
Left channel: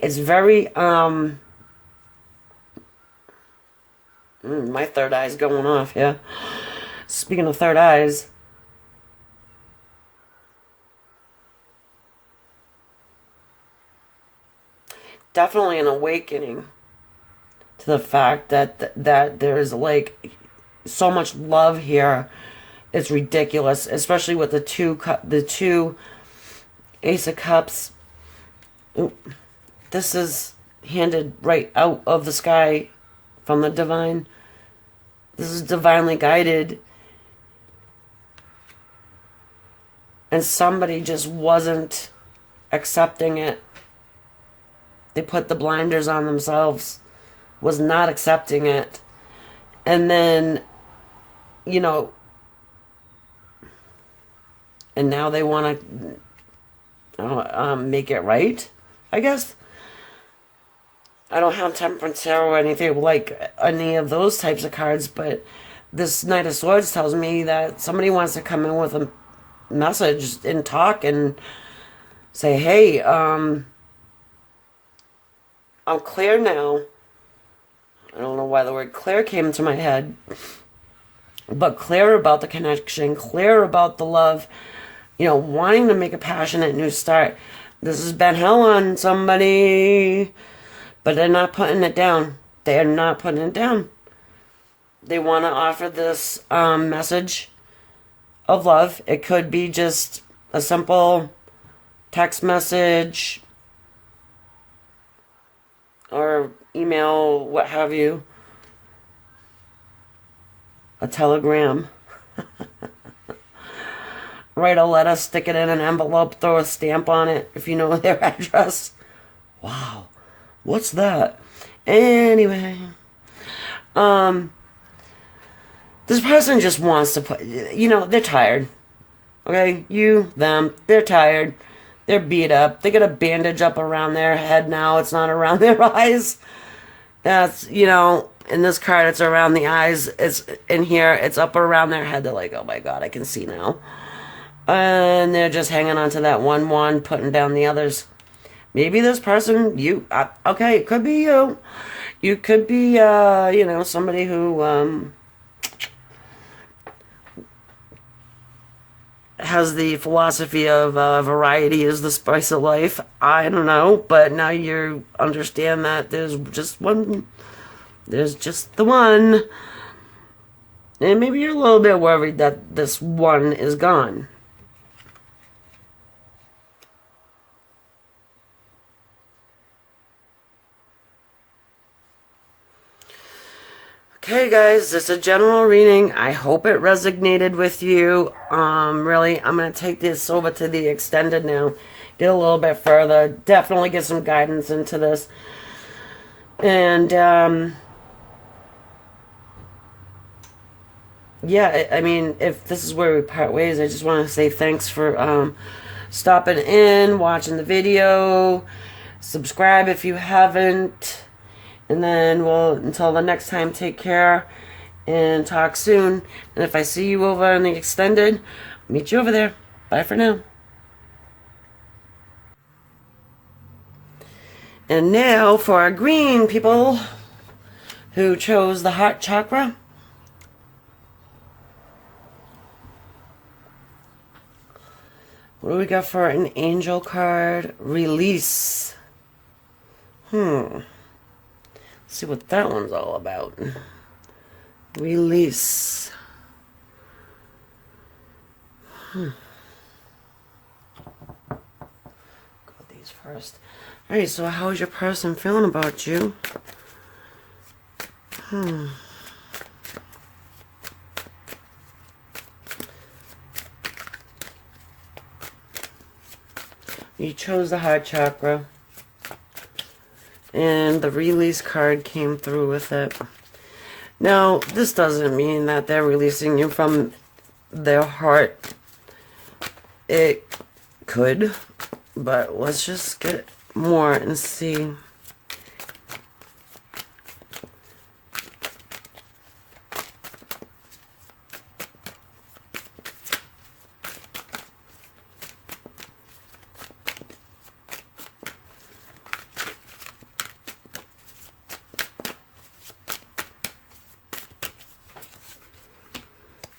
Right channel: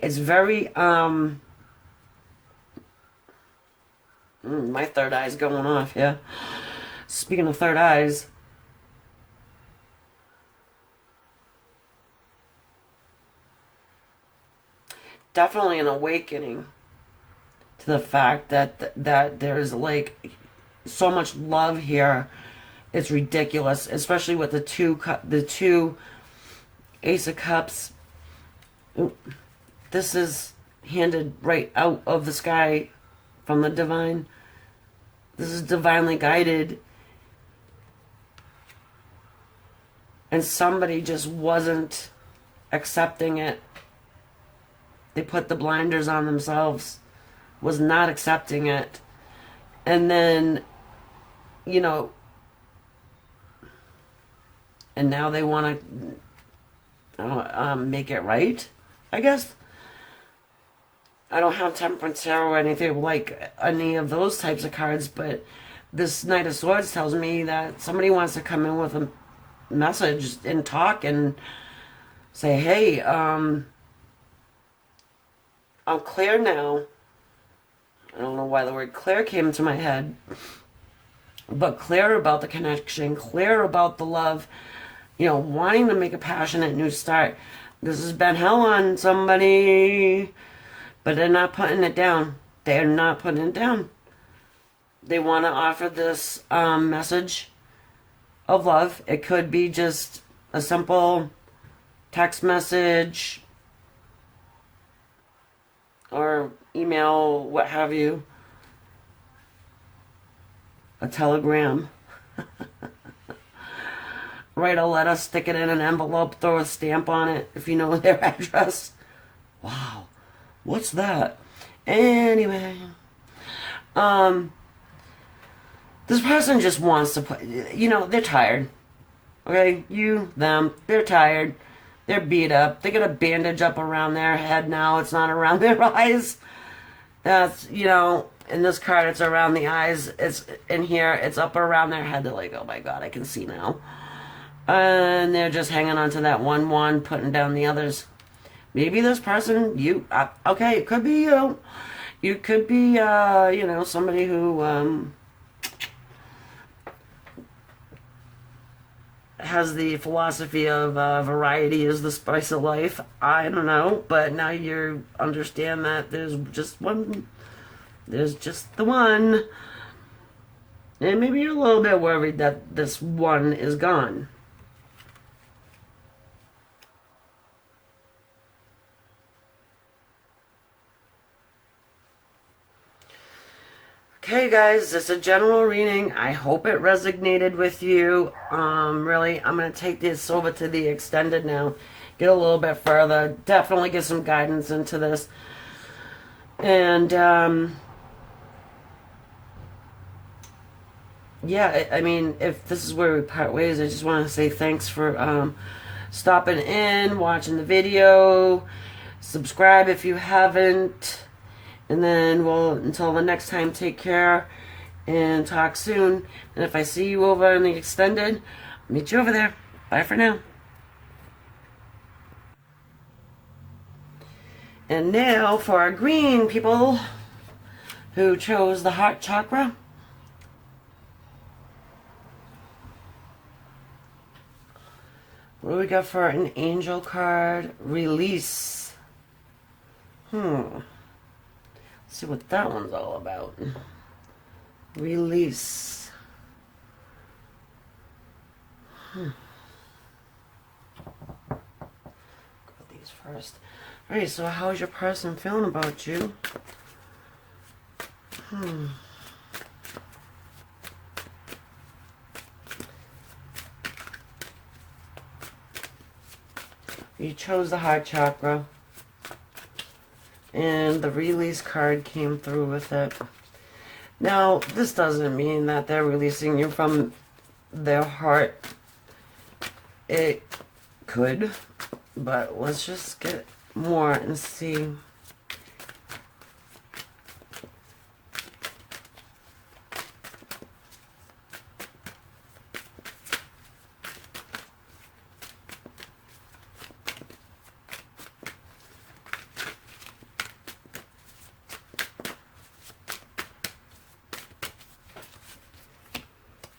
my third eye's going off, yeah. Speaking of third eyes, definitely an awakening to the fact that there's like so much love here. It's ridiculous, especially with the two Ace of Cups. Ooh, this is handed right out of the sky from the divine. This is divinely guided. And somebody just wasn't accepting it. They put the blinders on themselves, was not accepting it. And then, you know, and now they want to make it right, I guess. I don't have Temperance Tarot or anything like any of those types of cards, but this Knight of Swords tells me that somebody wants to come in with a message and talk and say, hey, I'm clear now. I don't know why the word clear came to my head, but clear about the connection, clear about the love, you know, wanting to make a passionate new start. This has been hell on somebody, but they're not putting it down. They're not putting it down. They want to offer this message of love. It could be just a simple text message or email, what have you. A telegram. Write a letter, stick it in an envelope, throw a stamp on it if you know their address. Wow. What's that? Anyway. This person just wants to put, you know, they're tired. Okay? You, them, they're tired. They're beat up. They got a bandage up around their head now. It's not around their eyes. That's, you know, in this card, it's around the eyes. It's in here, it's up around their head. They're like, oh my God, I can see now. And they're just hanging on to that one wand, putting down the others. Maybe this person, you, okay, it could be you. You could be, you know, somebody who has the philosophy of variety is the spice of life. I don't know, but now you understand that there's just one, there's just the one. And maybe you're a little bit worried that this one is gone. Okay, guys, it's a general reading. I hope it resonated with you. Really, I'm going to take this over to the extended now. Get a little bit further. Definitely get some guidance into this. And yeah, I mean, if this is where we part ways, I just want to say thanks for stopping in, watching the video, subscribe if you haven't, and then until the next time, take care and talk soon. And if I see you over in the extended, I'll meet you over there. Bye for now. And now for our green people who chose the heart chakra. What do we got for an angel card? Release. Let's see what that one's all about. Release. Go these first. Alright, so how is your person feeling about you? You chose the heart chakra. And the release card came through with it. Now, this doesn't mean that they're releasing you from their heart. It could, but let's just get more and see.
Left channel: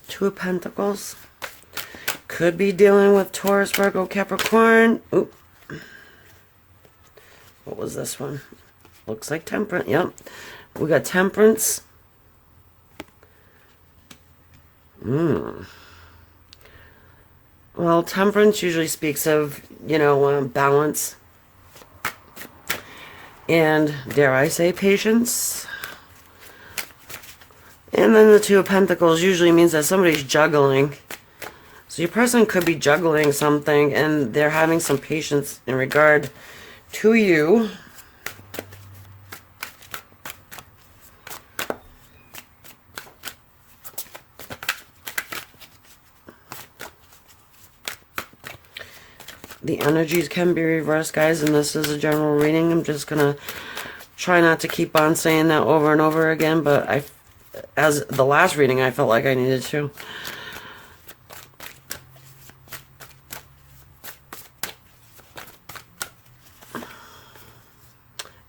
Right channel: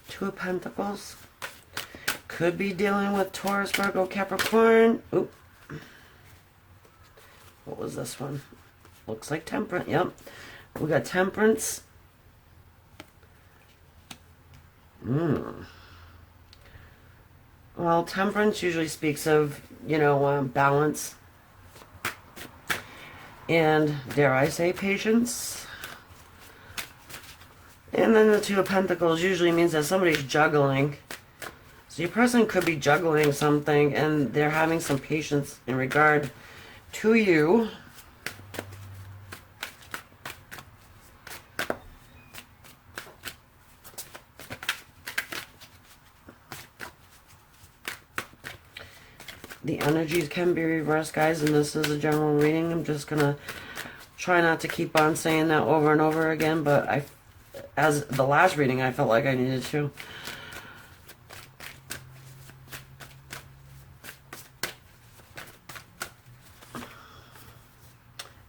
Two of Pentacles. Could be dealing with Taurus, Virgo, Capricorn. Oop. What was this one? Looks like Temperance. Yep. We got Temperance. Well, Temperance usually speaks of, balance. And, dare I say, patience. And then the Two of Pentacles usually means that somebody's juggling. So your person could be juggling something and they're having some patience in regard to you. The energies can be reversed, guys, and this is a general reading. I'm just going to try not to keep on saying that over and over again, but as the last reading, I felt like I needed to.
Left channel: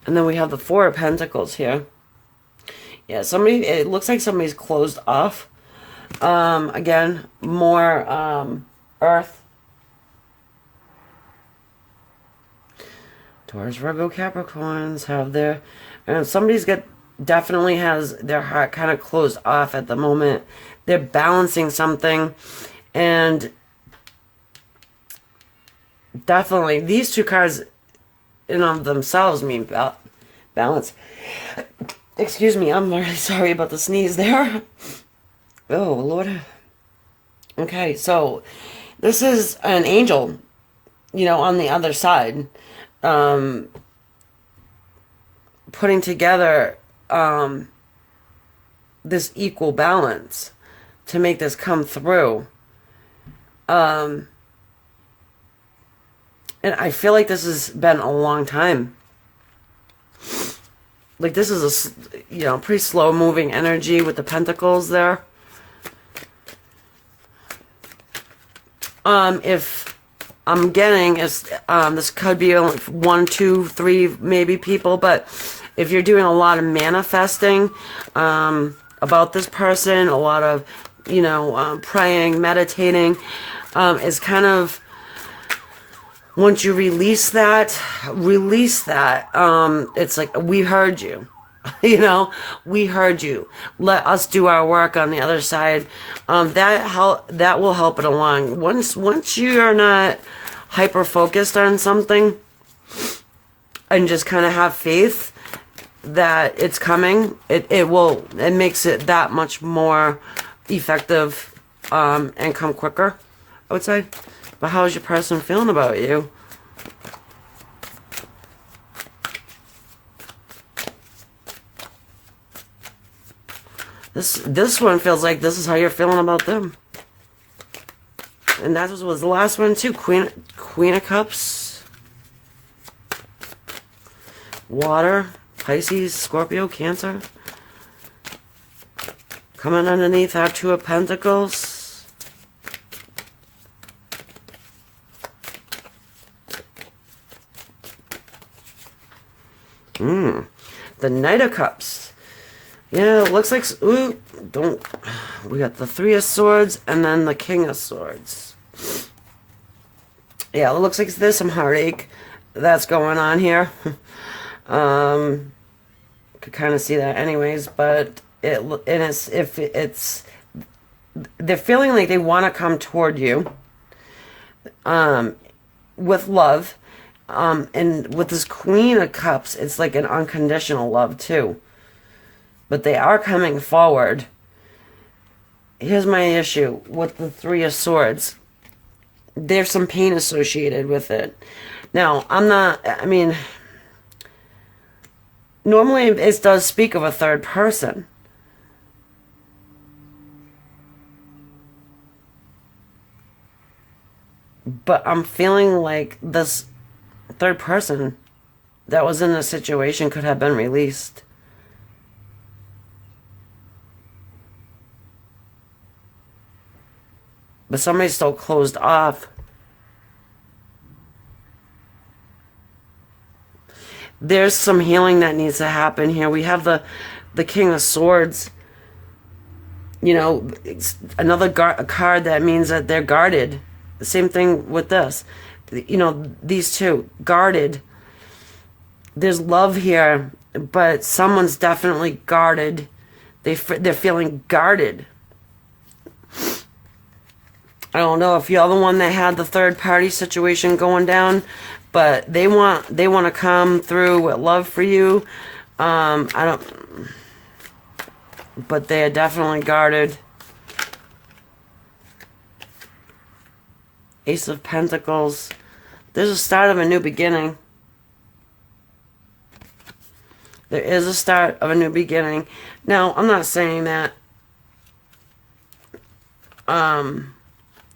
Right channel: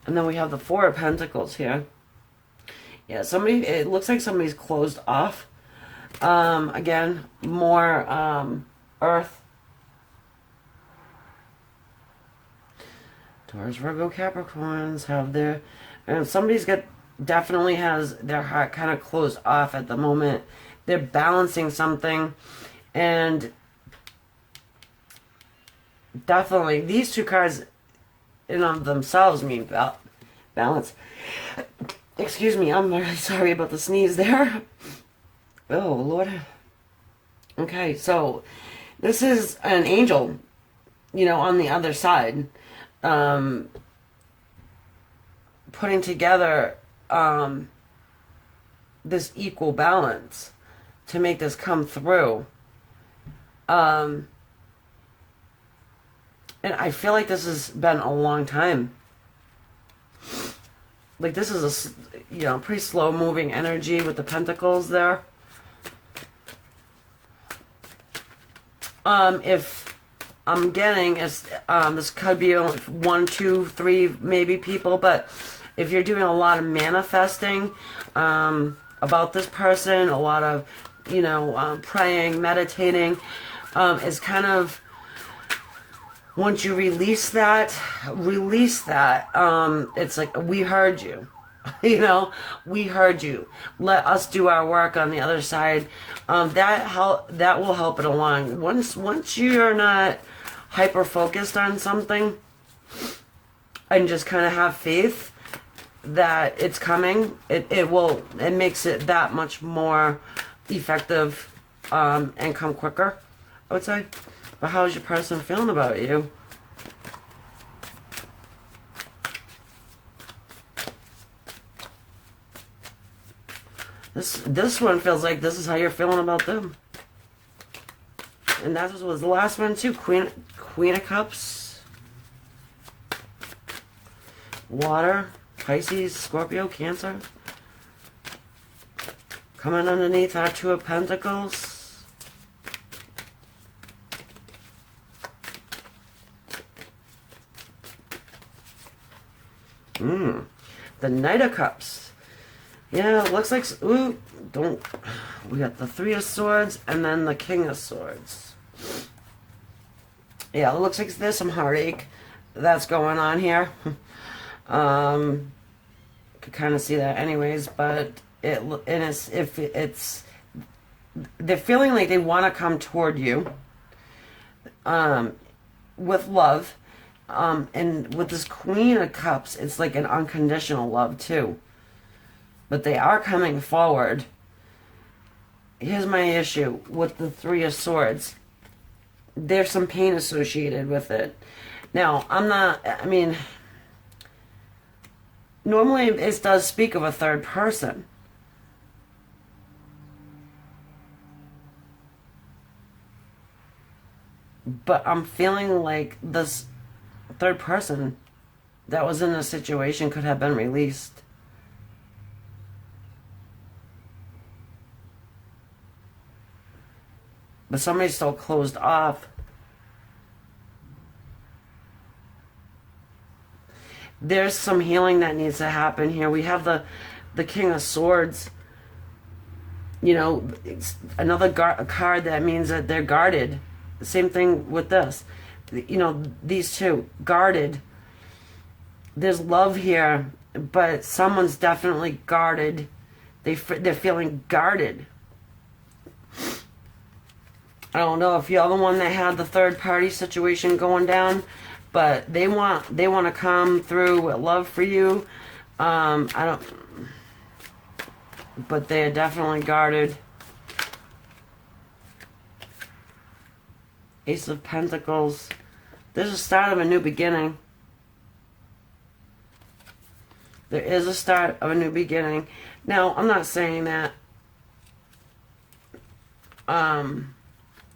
And then we have the Four of Pentacles here. Yeah, it looks like somebody's closed off. Again, more Earth. Taurus, Virgo, Capricorns have their... definitely has their heart kind of closed off at the moment. They're balancing something. And definitely, these two cards in of themselves mean balance. Excuse me, I'm really sorry about the sneeze there. Oh, Lord. Okay, so this is an angel, on the other side, putting together this equal balance to make this come through. And I feel like this has been a long time. Like this is a, pretty slow moving energy with the pentacles there. If I'm getting is, this could be only 1, 2, 3, maybe people, but if you're doing a lot of manifesting, about this person, a lot of, praying, meditating, is kind of, once you release that, it's like, we heard you, we heard you. Let us do our work on the other side. That will help it along. Once you are not hyper focused on something and just kind of have faith that it's coming, it makes it that much more effective, and come quicker, I would say. But how is your person feeling about you? This one feels like this is how you're feeling about them. And that was the last one too. Queen of Cups. Water. Pisces, Scorpio, Cancer. Coming underneath our Two of Pentacles. The Knight of Cups. Yeah, it looks like... Ooh, don't... We got the Three of Swords and then the King of Swords. Yeah, it looks like there's some heartache that's going on here. Could kind of see that anyways, but they're feeling like they want to come toward you with love. And with this Queen of Cups, it's like an unconditional love too. But they are coming forward. Here's my issue with the Three of Swords. There's some pain associated with it. Now, normally it does speak of a third person. But I'm feeling like this third person that was in the situation could have been released. But somebody's still closed off. There's some healing that needs to happen here. We have the King of Swords. You know, it's another card that means that they're guarded. The same thing with this. You know, these two, guarded. There's love here, but someone's definitely guarded. They're feeling guarded. I don't know if you're the one that had the third party situation going down, but they want to come through with love for you. But they are definitely guarded. Ace of Pentacles. There's a start of a new beginning. There is a start of a new beginning. Now, I'm not saying that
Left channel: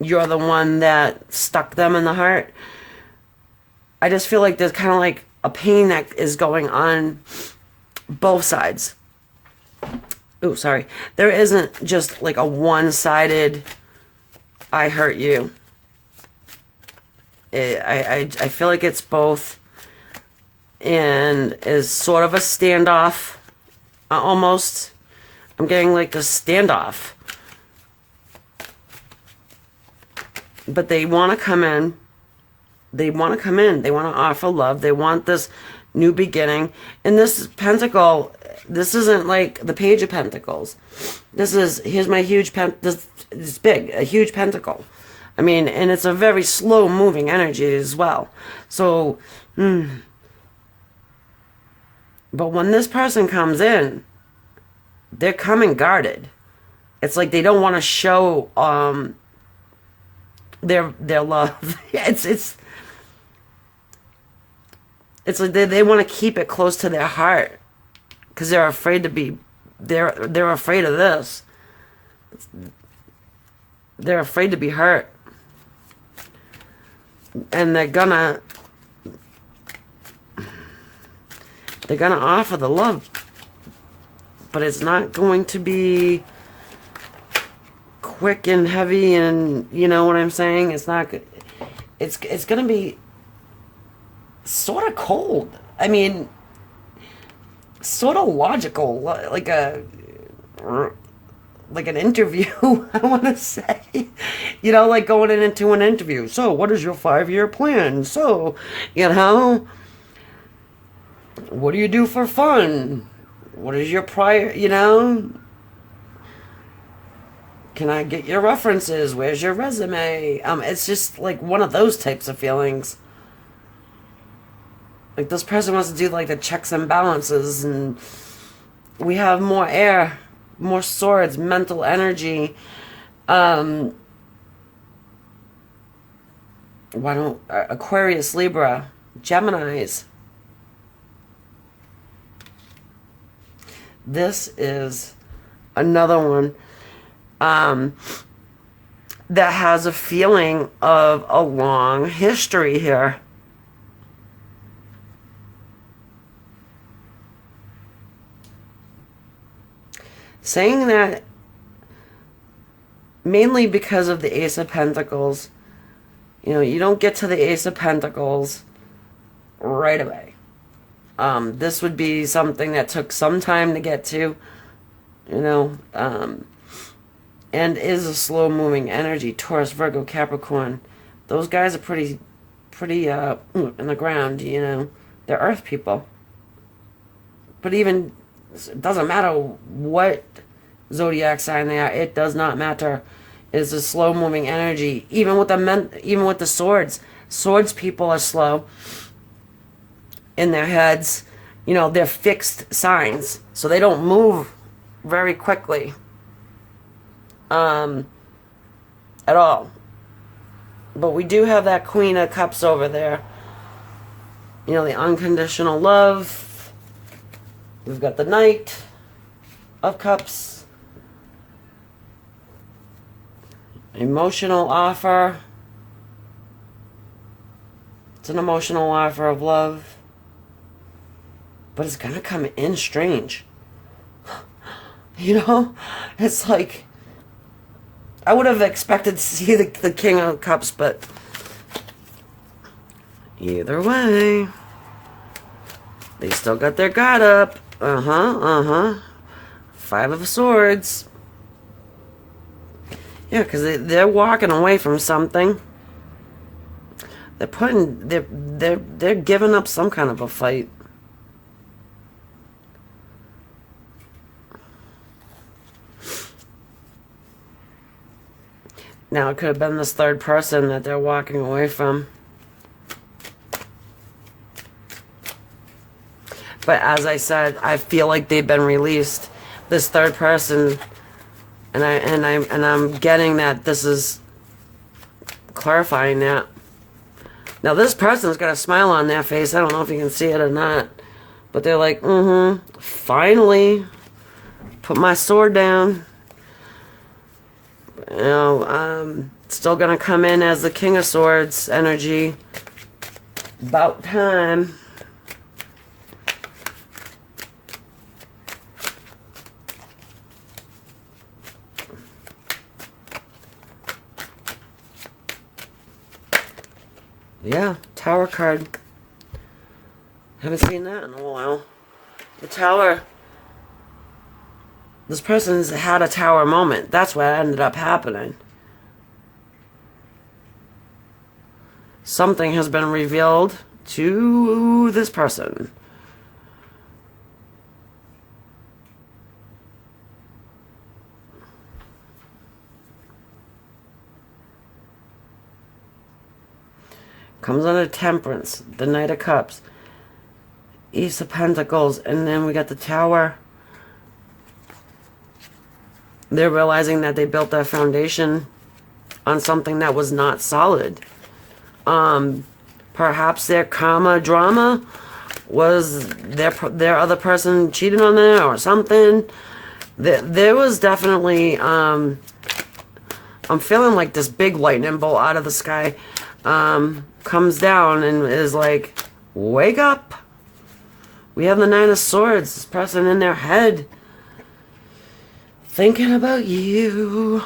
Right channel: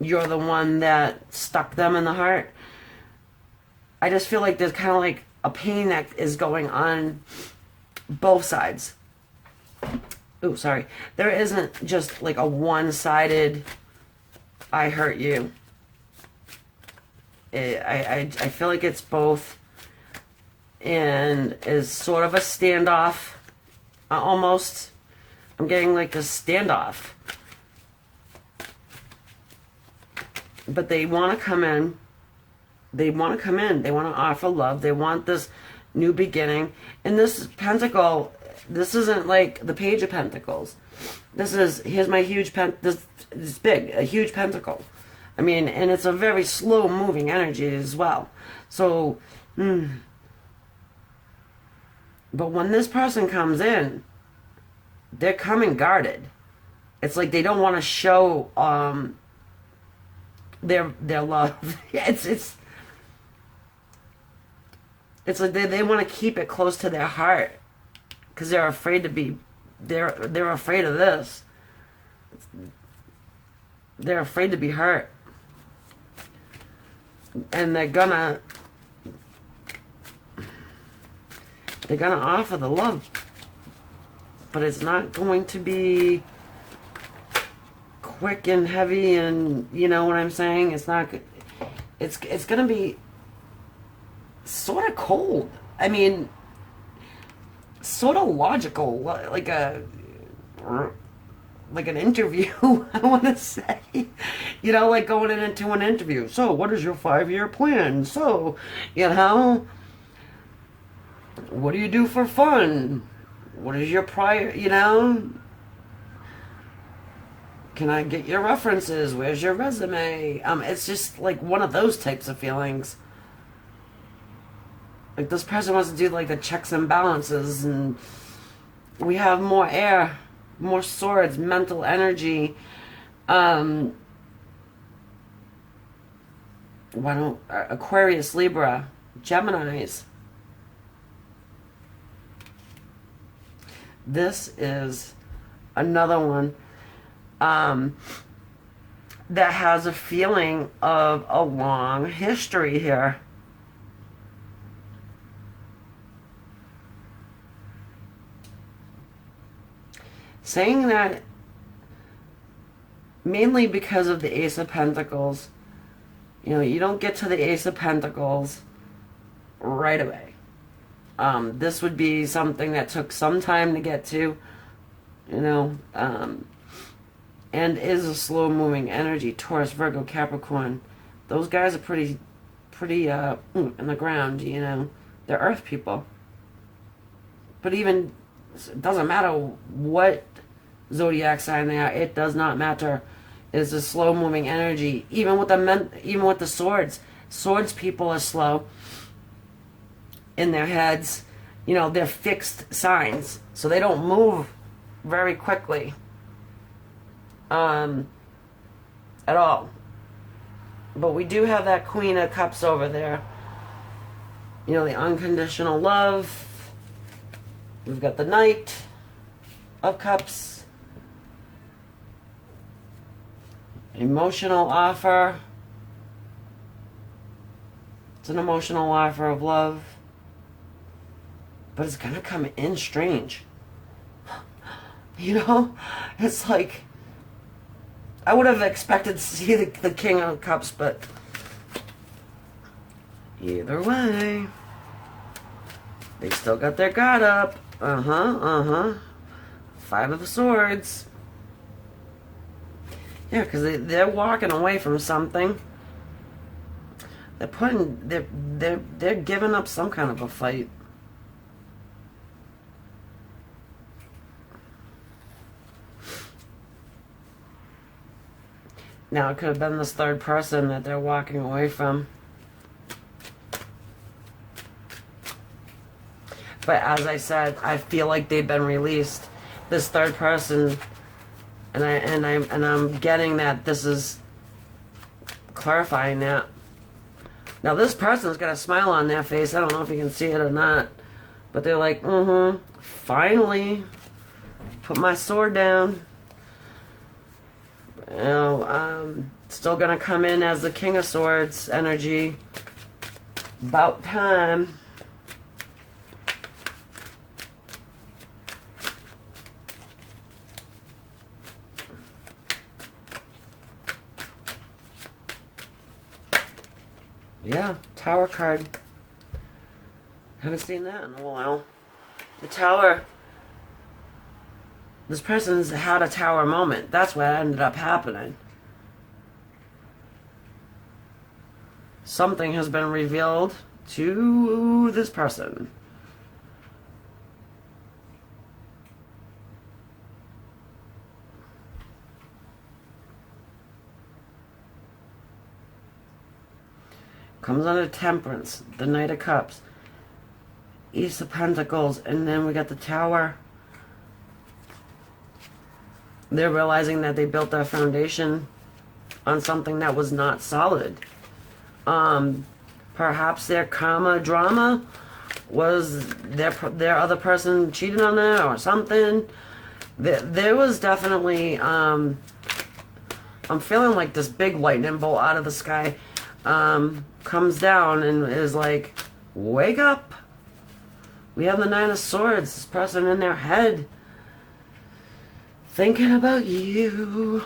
you're the one that stuck them in the heart. I just feel like there's kind of like a pain that is going on both sides. Oh, sorry. There isn't just like a one-sided, I hurt you. I feel like it's both, and is sort of a standoff, almost. I'm getting like this standoff. But they want to come in. They want to come in. They want to offer love. They want this new beginning. And this pentacle, this isn't like the Page of Pentacles. This is, here's my huge this is big, a huge pentacle. I mean, and it's a very slow moving energy as well. So, but when this person comes in, they're coming guarded. It's like they don't want to show their love. It's like they want to keep it close to their heart because they're afraid to be. They're afraid of this. They're afraid to be hurt. And they're gonna offer the love, but it's not going to be quick and heavy, and you know what I'm saying. It's not. It's gonna be sort of cold. I mean, sort of logical, like an interview, I want to say. You know, like going into an interview. So, what is your 5-year plan? So, you know, what do you do for fun? What is your prior, you know? Can I get your references? Where's your resume? It's just like one of those types of feelings. Like this person wants to do like the checks and balances, and we have more air, more swords, mental energy. Why don't Aquarius, Libra, Geminis? This is another one that has a feeling of a long history here. Saying that mainly because of the Ace of Pentacles. You know, you don't get to the Ace of Pentacles right away. This would be something that took some time to get to, you know, and is a slow moving energy. Taurus, Virgo, Capricorn. Those guys are pretty in the ground, you know. They're earth people. But even, it doesn't matter what zodiac sign they are, it does not matter. It's a slow moving energy. Even with the swords people are slow in their heads. You know, they're fixed signs, so they don't move very quickly at all. But we do have that Queen of Cups over there. You know, the unconditional love. We've got the Knight of Cups. Emotional offer. It's an emotional offer of love. But it's gonna come in strange. You know? It's like, I would have expected to see the King of Cups, but either way, they still got their guard up. Five of Swords. Yeah, because they're walking away from something. They're giving up some kind of a fight. Now, it could have been this third person that they're walking away from. But as I said, I feel like they've been released. This third person, and I'm getting that this is clarifying that. Now, this person's got a smile on their face. I don't know if you can see it or not, but they're like, finally, put my sword down. You know, still gonna come in as the King of Swords energy. About time. Yeah, Tower card. Haven't seen that in a while. The Tower. This person's had a Tower moment. That's what ended up happening. Something has been revealed to this person. Comes under Temperance, the Knight of Cups, Ace of Pentacles, and then we got the Tower. They're realizing that they built their foundation on something that was not solid. Perhaps their karma drama was their other person cheated on them or something. There was definitely, I'm feeling like this big lightning bolt out of the sky comes down and is like, wake up. We have the Nine of Swords, this person in their head thinking about you.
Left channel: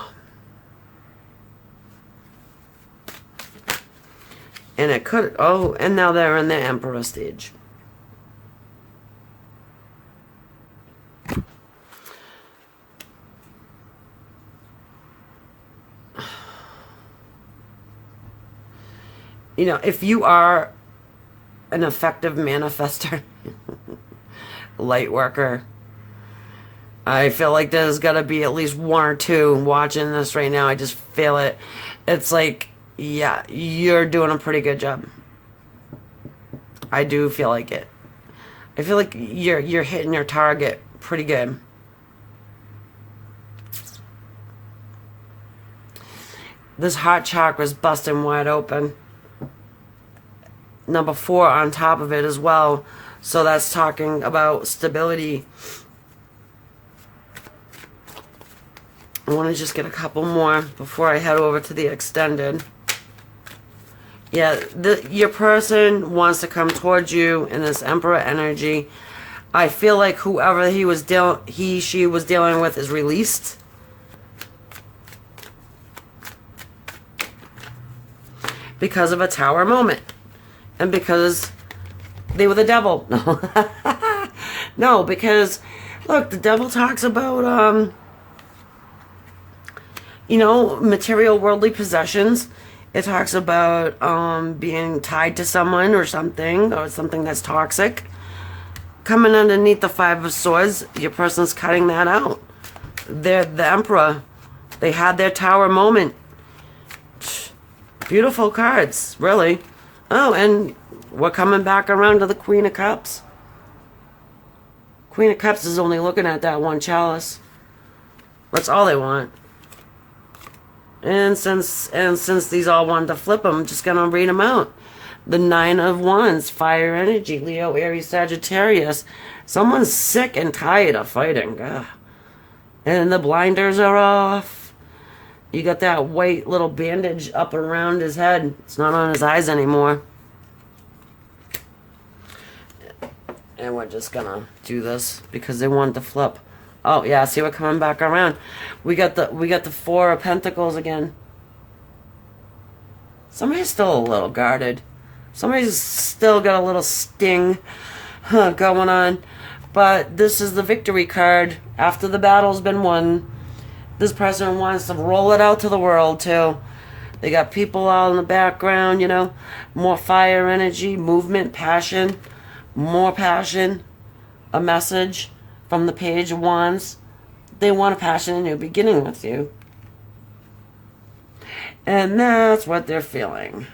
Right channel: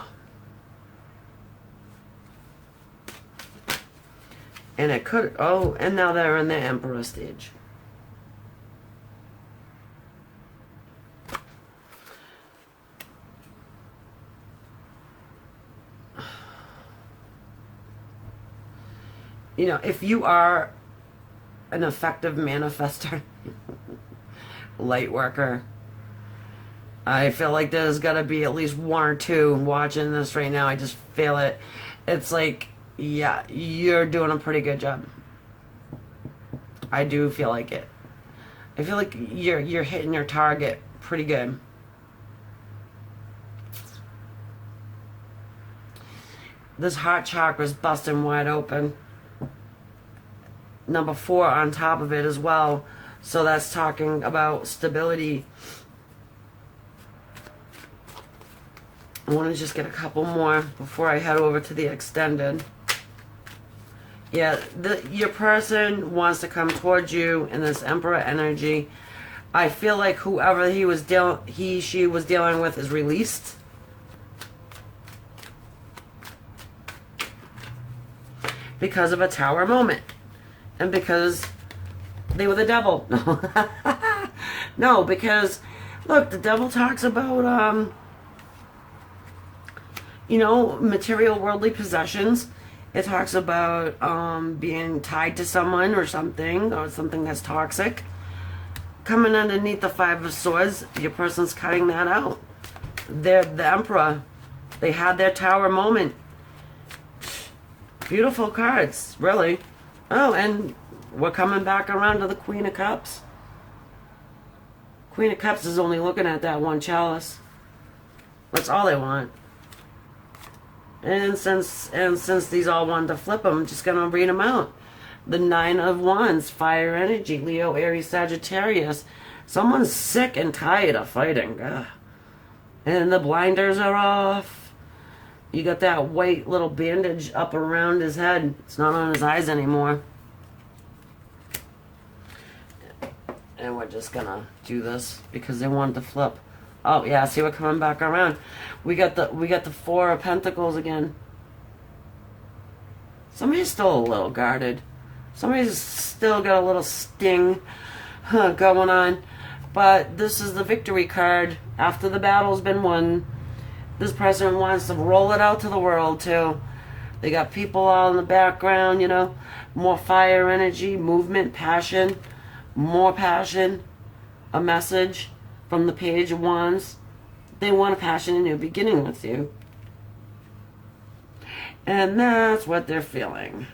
And it could, and now they're in the Emperor stage. You know, if you are an effective manifester, light worker, I feel like there's got to be at least one or two watching this right now. I just feel it. It's like, yeah, you're doing a pretty good job. I do feel like it. I feel like you're hitting your target pretty good. This heart chakra is busting wide open. Number 4 on top of it as well. So that's talking about stability. I want to just get a couple more before I head over to the extended. Yeah, your person wants to come towards you in this Emperor energy. I feel like whoever she was dealing with is released. Because of a Tower moment. And because they were the devil. No, because, look, the devil talks about, material worldly possessions. It talks about being tied to someone or something that's toxic. Coming underneath the Five of Swords, your person's cutting that out. They're the Emperor. They had their Tower moment. Beautiful cards, really. Oh, and we're coming back around to the Queen of Cups. Queen of Cups is only looking at that one chalice. That's all they want. And since these all wanted to flip them, I'm just going to read them out. The Nine of Wands, fire energy, Leo, Aries, Sagittarius. Someone's sick and tired of fighting. Ugh. And the blinders are off. You got that white little bandage up around his head. It's not on his eyes anymore. And we're just going to do this because they wanted to flip. Oh, yeah, see, we're coming back around. We got the Four of Pentacles again. Somebody's still a little guarded. Somebody's still got a little sting going on. But this is the victory card. After the battle's been won, this person wants to roll it out to the world, too. They got people all in the background, more fire energy, movement, passion, more passion, a message from the Page of Wands. They want a passionate new beginning with you. And that's what they're feeling.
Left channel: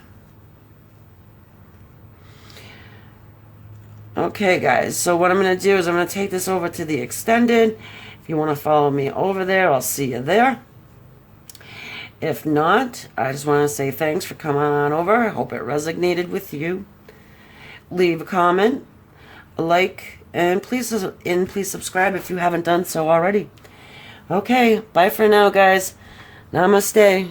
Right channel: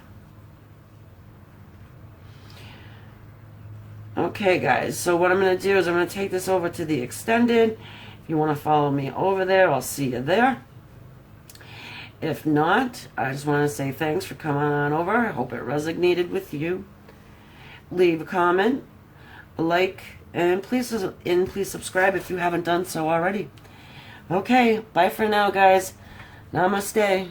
Okay, guys, so what I'm going to do is I'm going to take this over to the extended. If you want to follow me over there, I'll see you there. If not, I just want to say thanks for coming on over. I hope it resonated with you. Leave a comment, a like, and please subscribe if you haven't done so already. Okay, bye for now, guys. Namaste.